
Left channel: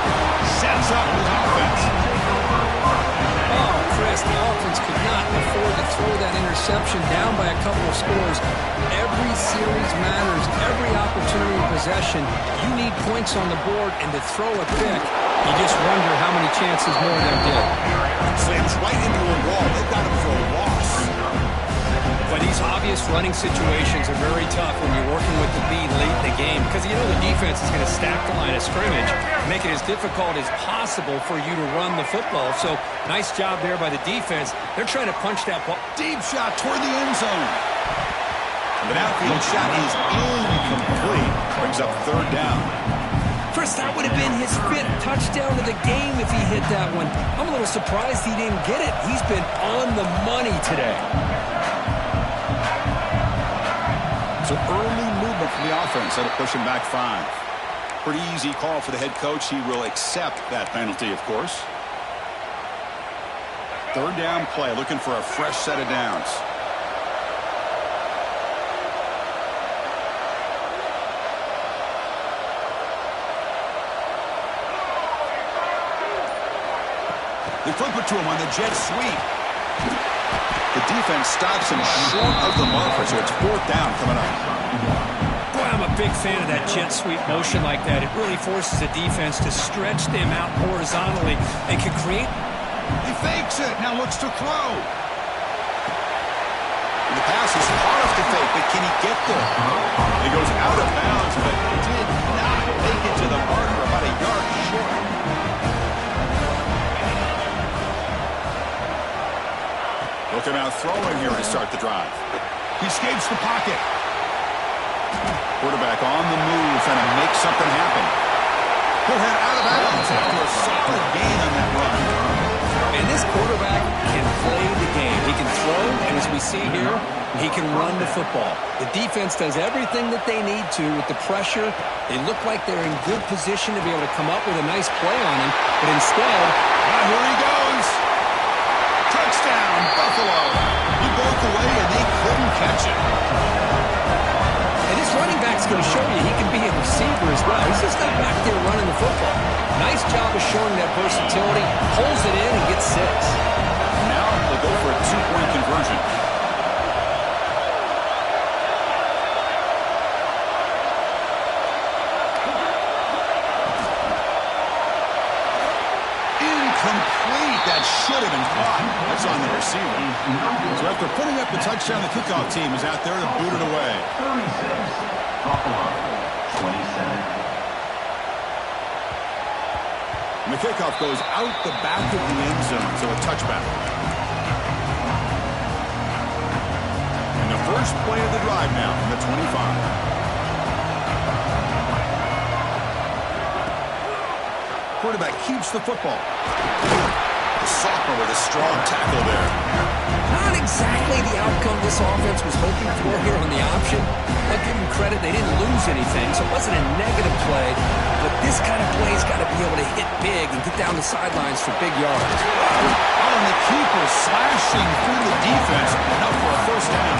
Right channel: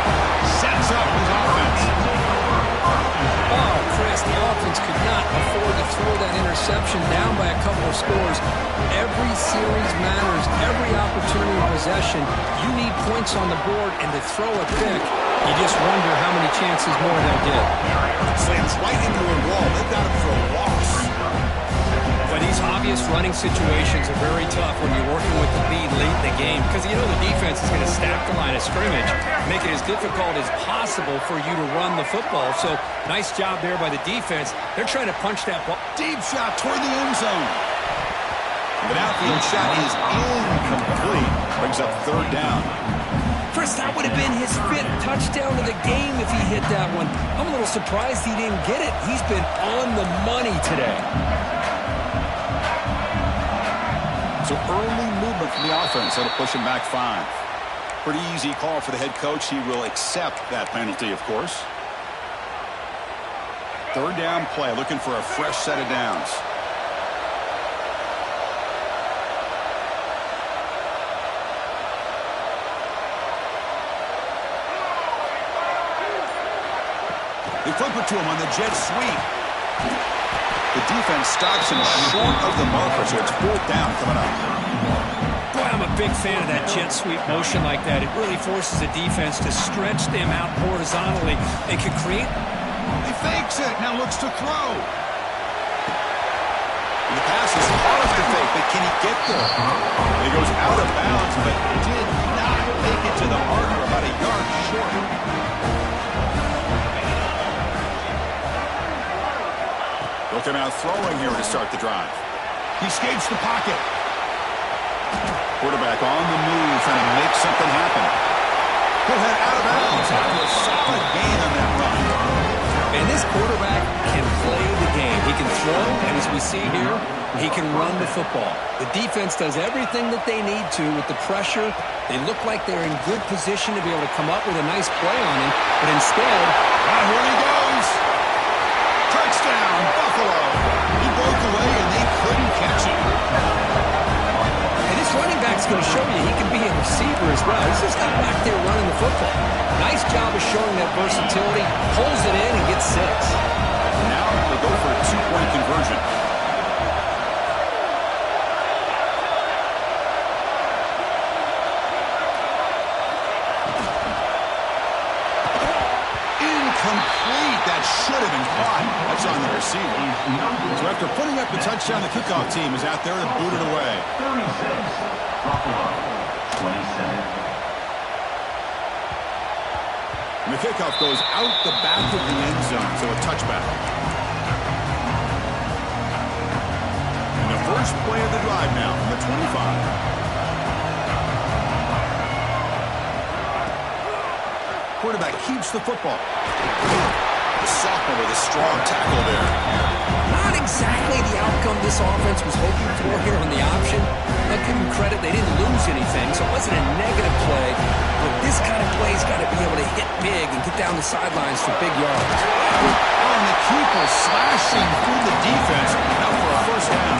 sets up his offense. Oh, Chris, the offense could not afford to throw that interception down by a couple of scores. Every series matters. Every opportunity of possession, you need points on the board, and to throw a pick, you just wonder how many chances more they'll get. Slams right into a wall. They've got him for a loss. But these obvious running situations are very tough when you're working with the lead late in the game, because you know the defense is going to stack the line of scrimmage, make it as difficult as possible for you to run the football. So nice job there by the defense. They're trying to punch that ball. Deep shot toward the end zone. The outfield shot is incomplete. Brings up third down. Chris, that would have been his 5th touchdown of the game if he hit that one. I'm a little surprised he didn't get it. He's been on the money today. So early movement from the offense. That'll push him back 5. Pretty easy call for the head coach. He will accept that penalty, of course. Third down play. Looking for a fresh set of downs. They flip it to him on the jet sweep. The defense stops him short of the marker, so it's 4th down coming up. Boy, I'm a big fan of that jet sweep motion like that. It really forces the defense to stretch them out horizontally and can create. He fakes it, now looks to throw. And the pass is hard to fake, but can he get there? He goes out of bounds, but did not make it to the marker, about a yard short. He'll come out throwing here to start the drive. He escapes the pocket. Quarterback on the move, trying to make something happen. He'll head out of bounds after a solid gain on that run. And this quarterback can play the game. He can throw, and as we see here, he can run the football. The defense does everything that they need to with the pressure. They look like they're in good position to be able to come up with a nice play on him, but instead, here he goes. Touchdown, Buffalo. He broke away, and they couldn't catch him. And this running back's going to show you he can be a receiver as well. He's just not back there running the football. Nice job of showing that versatility. Pulls it in and gets 6. Now they'll go for a 2-point conversion. Incomplete. That should have been caught. That's on the receiver. So after putting up the touchdown, the kickoff team is out there to boot it away. 36, Buffalo, 27. And the kickoff goes out the back of the end zone, so a touchback. And the first play of the drive now from the 25. Quarterback keeps the football. The sophomore with a strong tackle there. Not exactly the outcome this offense was hoping for here on the option. I'll give them credit. They didn't lose anything, so it wasn't a negative play. But this kind of play's got to be able to hit big and get down the sidelines for big yards. Oh, and the keeper slashing through the defense. Now for a first down.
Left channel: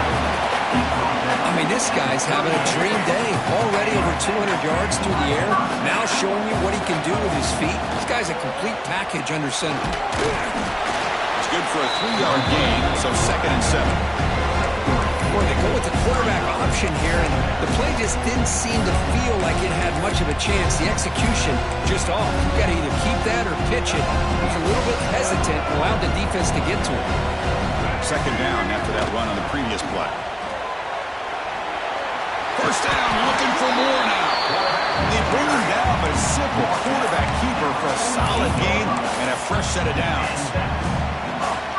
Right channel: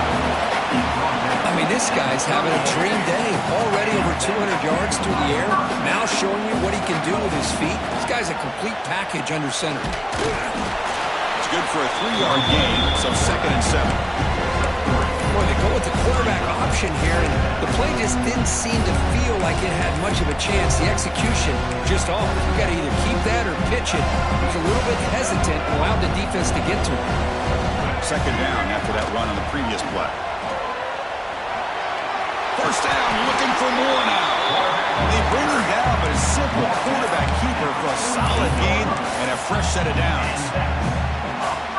I mean, this guy's having a dream day. Already over 200 yards through the air. Now showing you what he can do with his feet. This guy's a complete package under center. It's good for a 3-yard gain, so 2nd and 7. Boy, they go with the quarterback option here, and the play just didn't seem to feel like it had much of a chance. The execution just off. You got to either keep that or pitch it. He was a little bit hesitant and allowed the defense to get to him. 2nd down after that run on the previous play. First down, looking for more now. They bring him down, but a simple quarterback keeper for a solid gain and a fresh set of downs.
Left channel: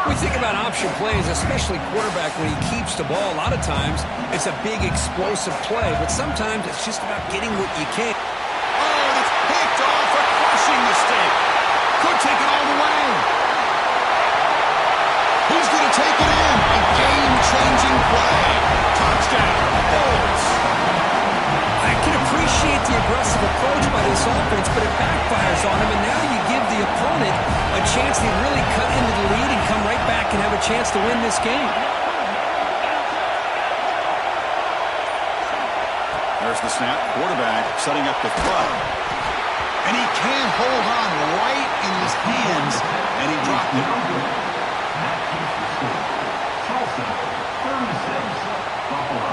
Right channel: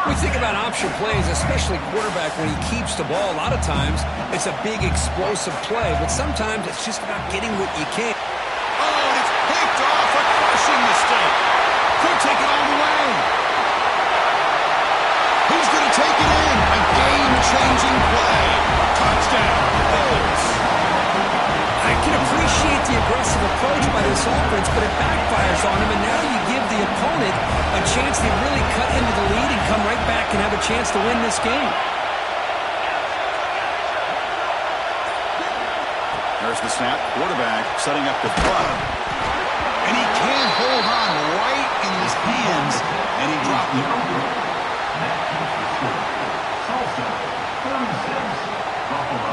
We think about option plays, especially quarterback when he keeps the ball. A lot of times, it's a big explosive play, but sometimes it's just about getting what you can. Oh, and it's picked off, a crushing mistake. Could take it all the way. He's going to take it in. A game-changing play. Touchdown, Bulls. I can appreciate the aggressive approach by this offense, but it backfires on him, and now you give the opponent a chance to really cut into the lead and come right back and have a chance to win this game. There's the snap. Quarterback setting up the throw. And he can't hold on right in his hands, and he dropped it. That keeps the score. Tulsa, 36. Buffalo,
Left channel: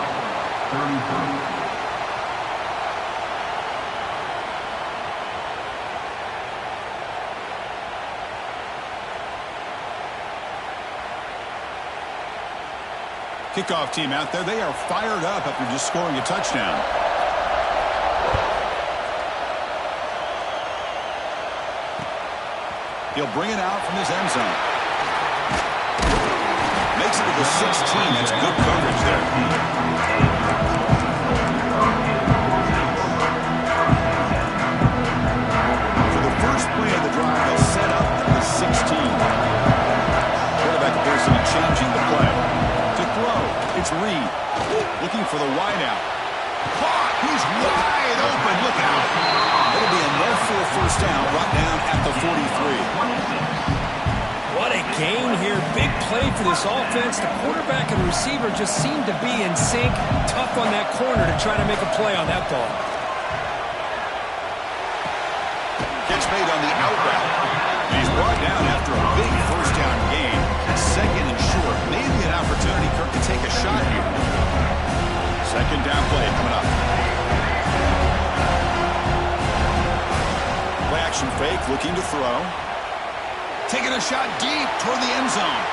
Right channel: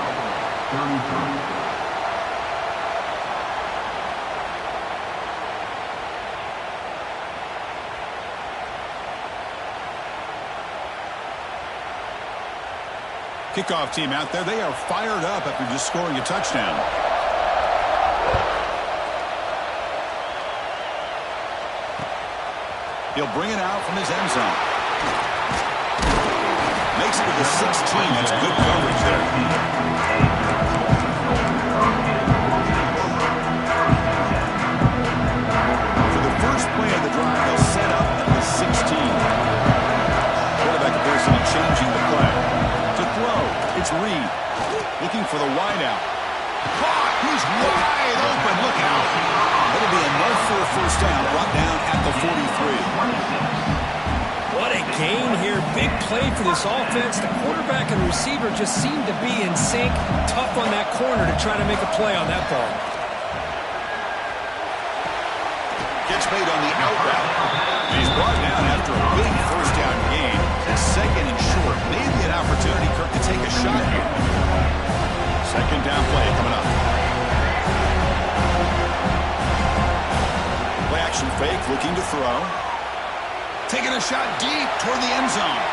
33. Kickoff team out there. They are fired up after just scoring a touchdown. He'll bring it out from his end zone. Makes it to the 16. That's good coverage there. For the first play of the drive, they'll set up at the 16. Quarterback appears to be changing the play. To throw, it's Reed. Looking for the wideout. Caught! He's wide open. Look out. It'll be enough for a first down. Brought down at the 43. What a gain here. Big play for this offense. The quarterback and receiver just seem to be in sync. Tough on that corner to try to make a play on that ball. Catch made on the out route. And he's brought down after a big first down gain. Second and short. Maybe an opportunity, Kirk, to take a shot here. Second down play coming up. Play action fake, looking to throw. Taking a shot deep toward the end zone.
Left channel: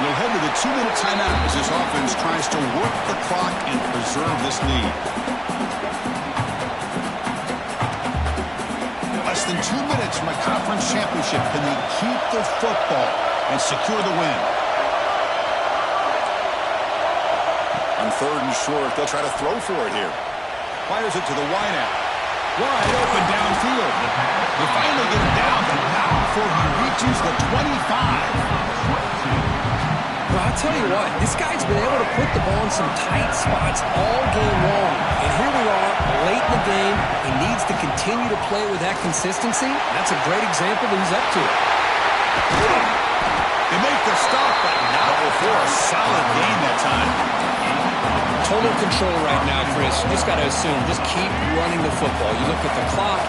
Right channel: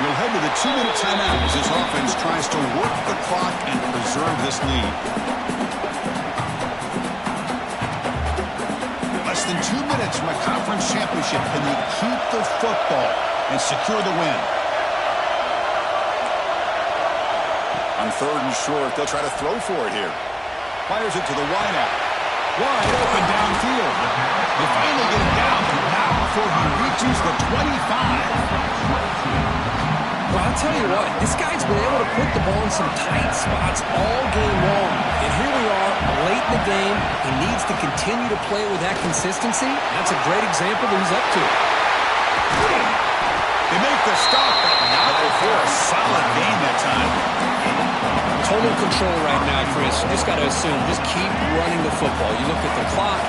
We'll head to the 2-minute timeout as this offense tries to work the clock and preserve this lead. Less than 2 minutes from a conference championship. Can they keep the football and secure the win? On third and short, they'll try to throw for it here. Fires it to the wideout. Wide open downfield. They finally get it down, but not before he reaches the 25. Well, I'll tell you what, this guy's been able to put the ball in some tight spots all game long. And here we are, late in the game. He needs to continue to play with that consistency. That's a great example that he's up to it. They make the stop, but not before a solid gain that time. Total control right now, Chris. You just got to assume, just keep running the football. You look at the clock,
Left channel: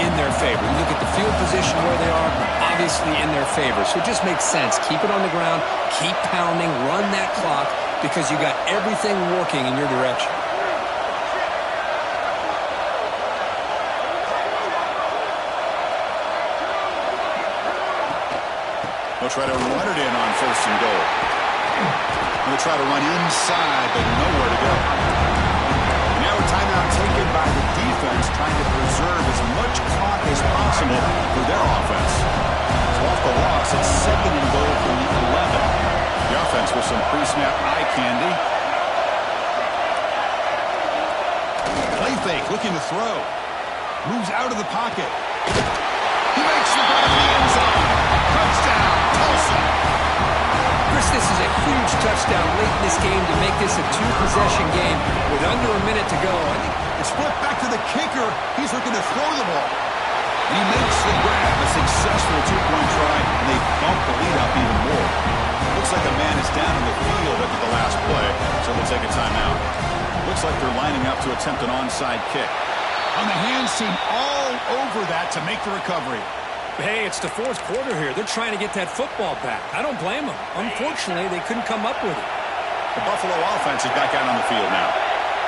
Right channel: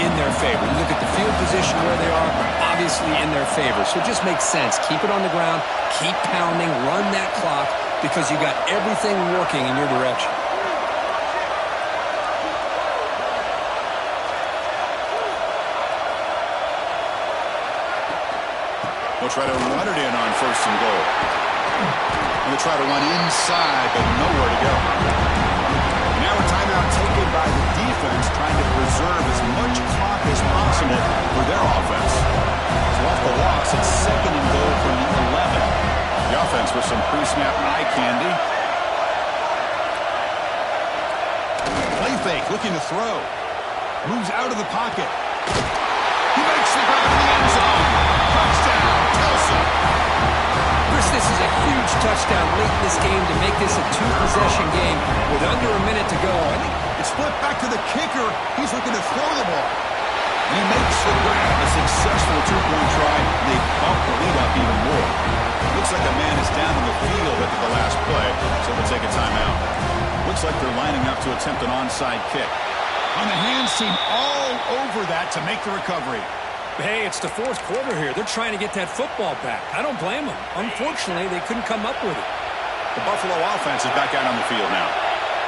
in their favor. You look at the field position where they are, obviously in their favor. So it just makes sense. Keep it on the ground, keep pounding, run that clock, because you got everything working in your direction. They'll try to run it in on first and goal. They'll try to run inside, but nowhere to go. And now a timeout taken by the defense, trying to preserve as much clock as possible for their offense. So off the loss, it's second and goal from the 11. The offense with some pre-snap eye candy. Play fake, looking to throw. Moves out of the pocket. He makes the grab in the end zone. Touchdown, Tulsa. Chris, this is a huge touchdown late in this game to make this a two-possession game with under a minute to go. I think it's flipped back to the kicker. He's looking to throw the ball. And he makes the grab, a successful two-point try, and they bump the lead up even more. Looks like a man is down on the field after the last play, so they'll take a timeout. Looks like they're lining up to attempt an onside kick. On the hands team all over that to make the recovery. Hey, it's the fourth quarter here. They're trying to get that football back. I don't blame them. Unfortunately, they couldn't come up with it. The Buffalo offense is back out on the field now.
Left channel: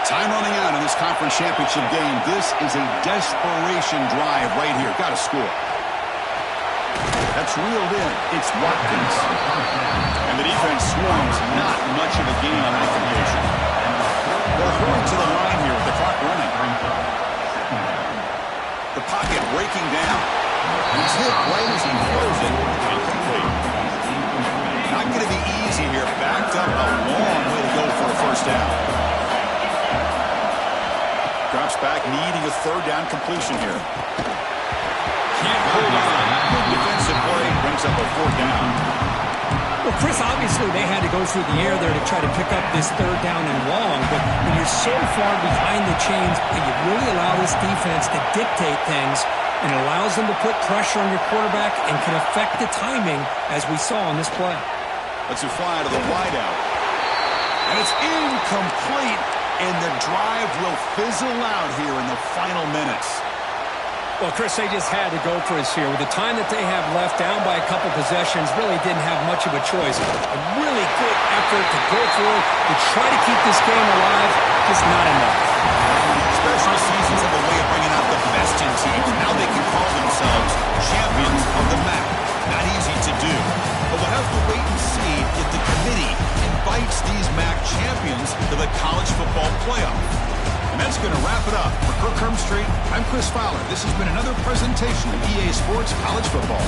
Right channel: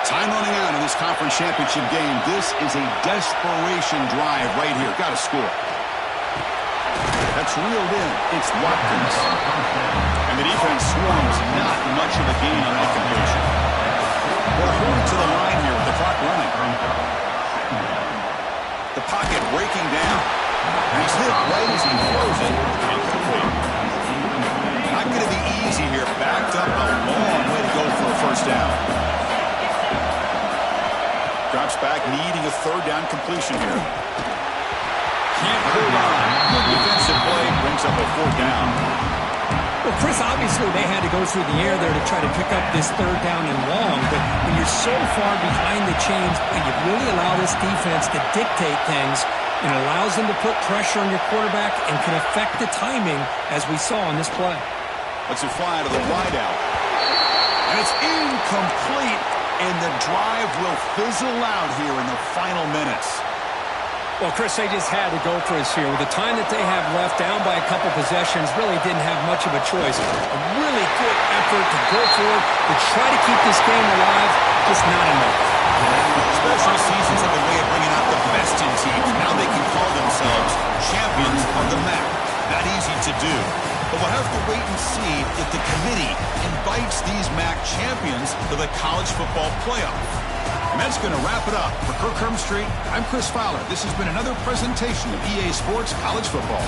Time running out in this conference championship game. This is a desperation drive right here. Got to score. That's reeled in. It's Watkins. And the defense swarms. Not much of a gain on that completion. They'll hurry to the line here with the clock running. The pocket breaking down. And he's hit right as he throws it. Incomplete. not going to be easy here. Backed up a long way to go for a first down. Drops back, needing a third down completion here. Can't hold on. Good defensive play. Brings up a fourth down. Well, Chris, obviously they had to go through the air there to try to pick up this third down and long, but when you're so far behind the chains, you really allow this defense to dictate things, and it allows them to put pressure on your quarterback and can affect the timing, as we saw on this play. Let's it fly to the wideout. And it's incomplete, and the drive will fizzle out here in the final minutes. Well, Chris, they just had to go for us here. With the time that they have left, down by a couple possessions, really didn't have much of a choice. A really good effort to go for it, to try to keep this game alive, just not enough. Special seasons have a way of bringing out the best in teams. Now they can call themselves champions of the MAC. Not easy to do. But we'll have to wait and see if the committee invites these MAC champions to the college football playoff. And that's going to wrap it up. For Kirk Street, I'm Chris Fowler. This has been another presentation of EA Sports College Football.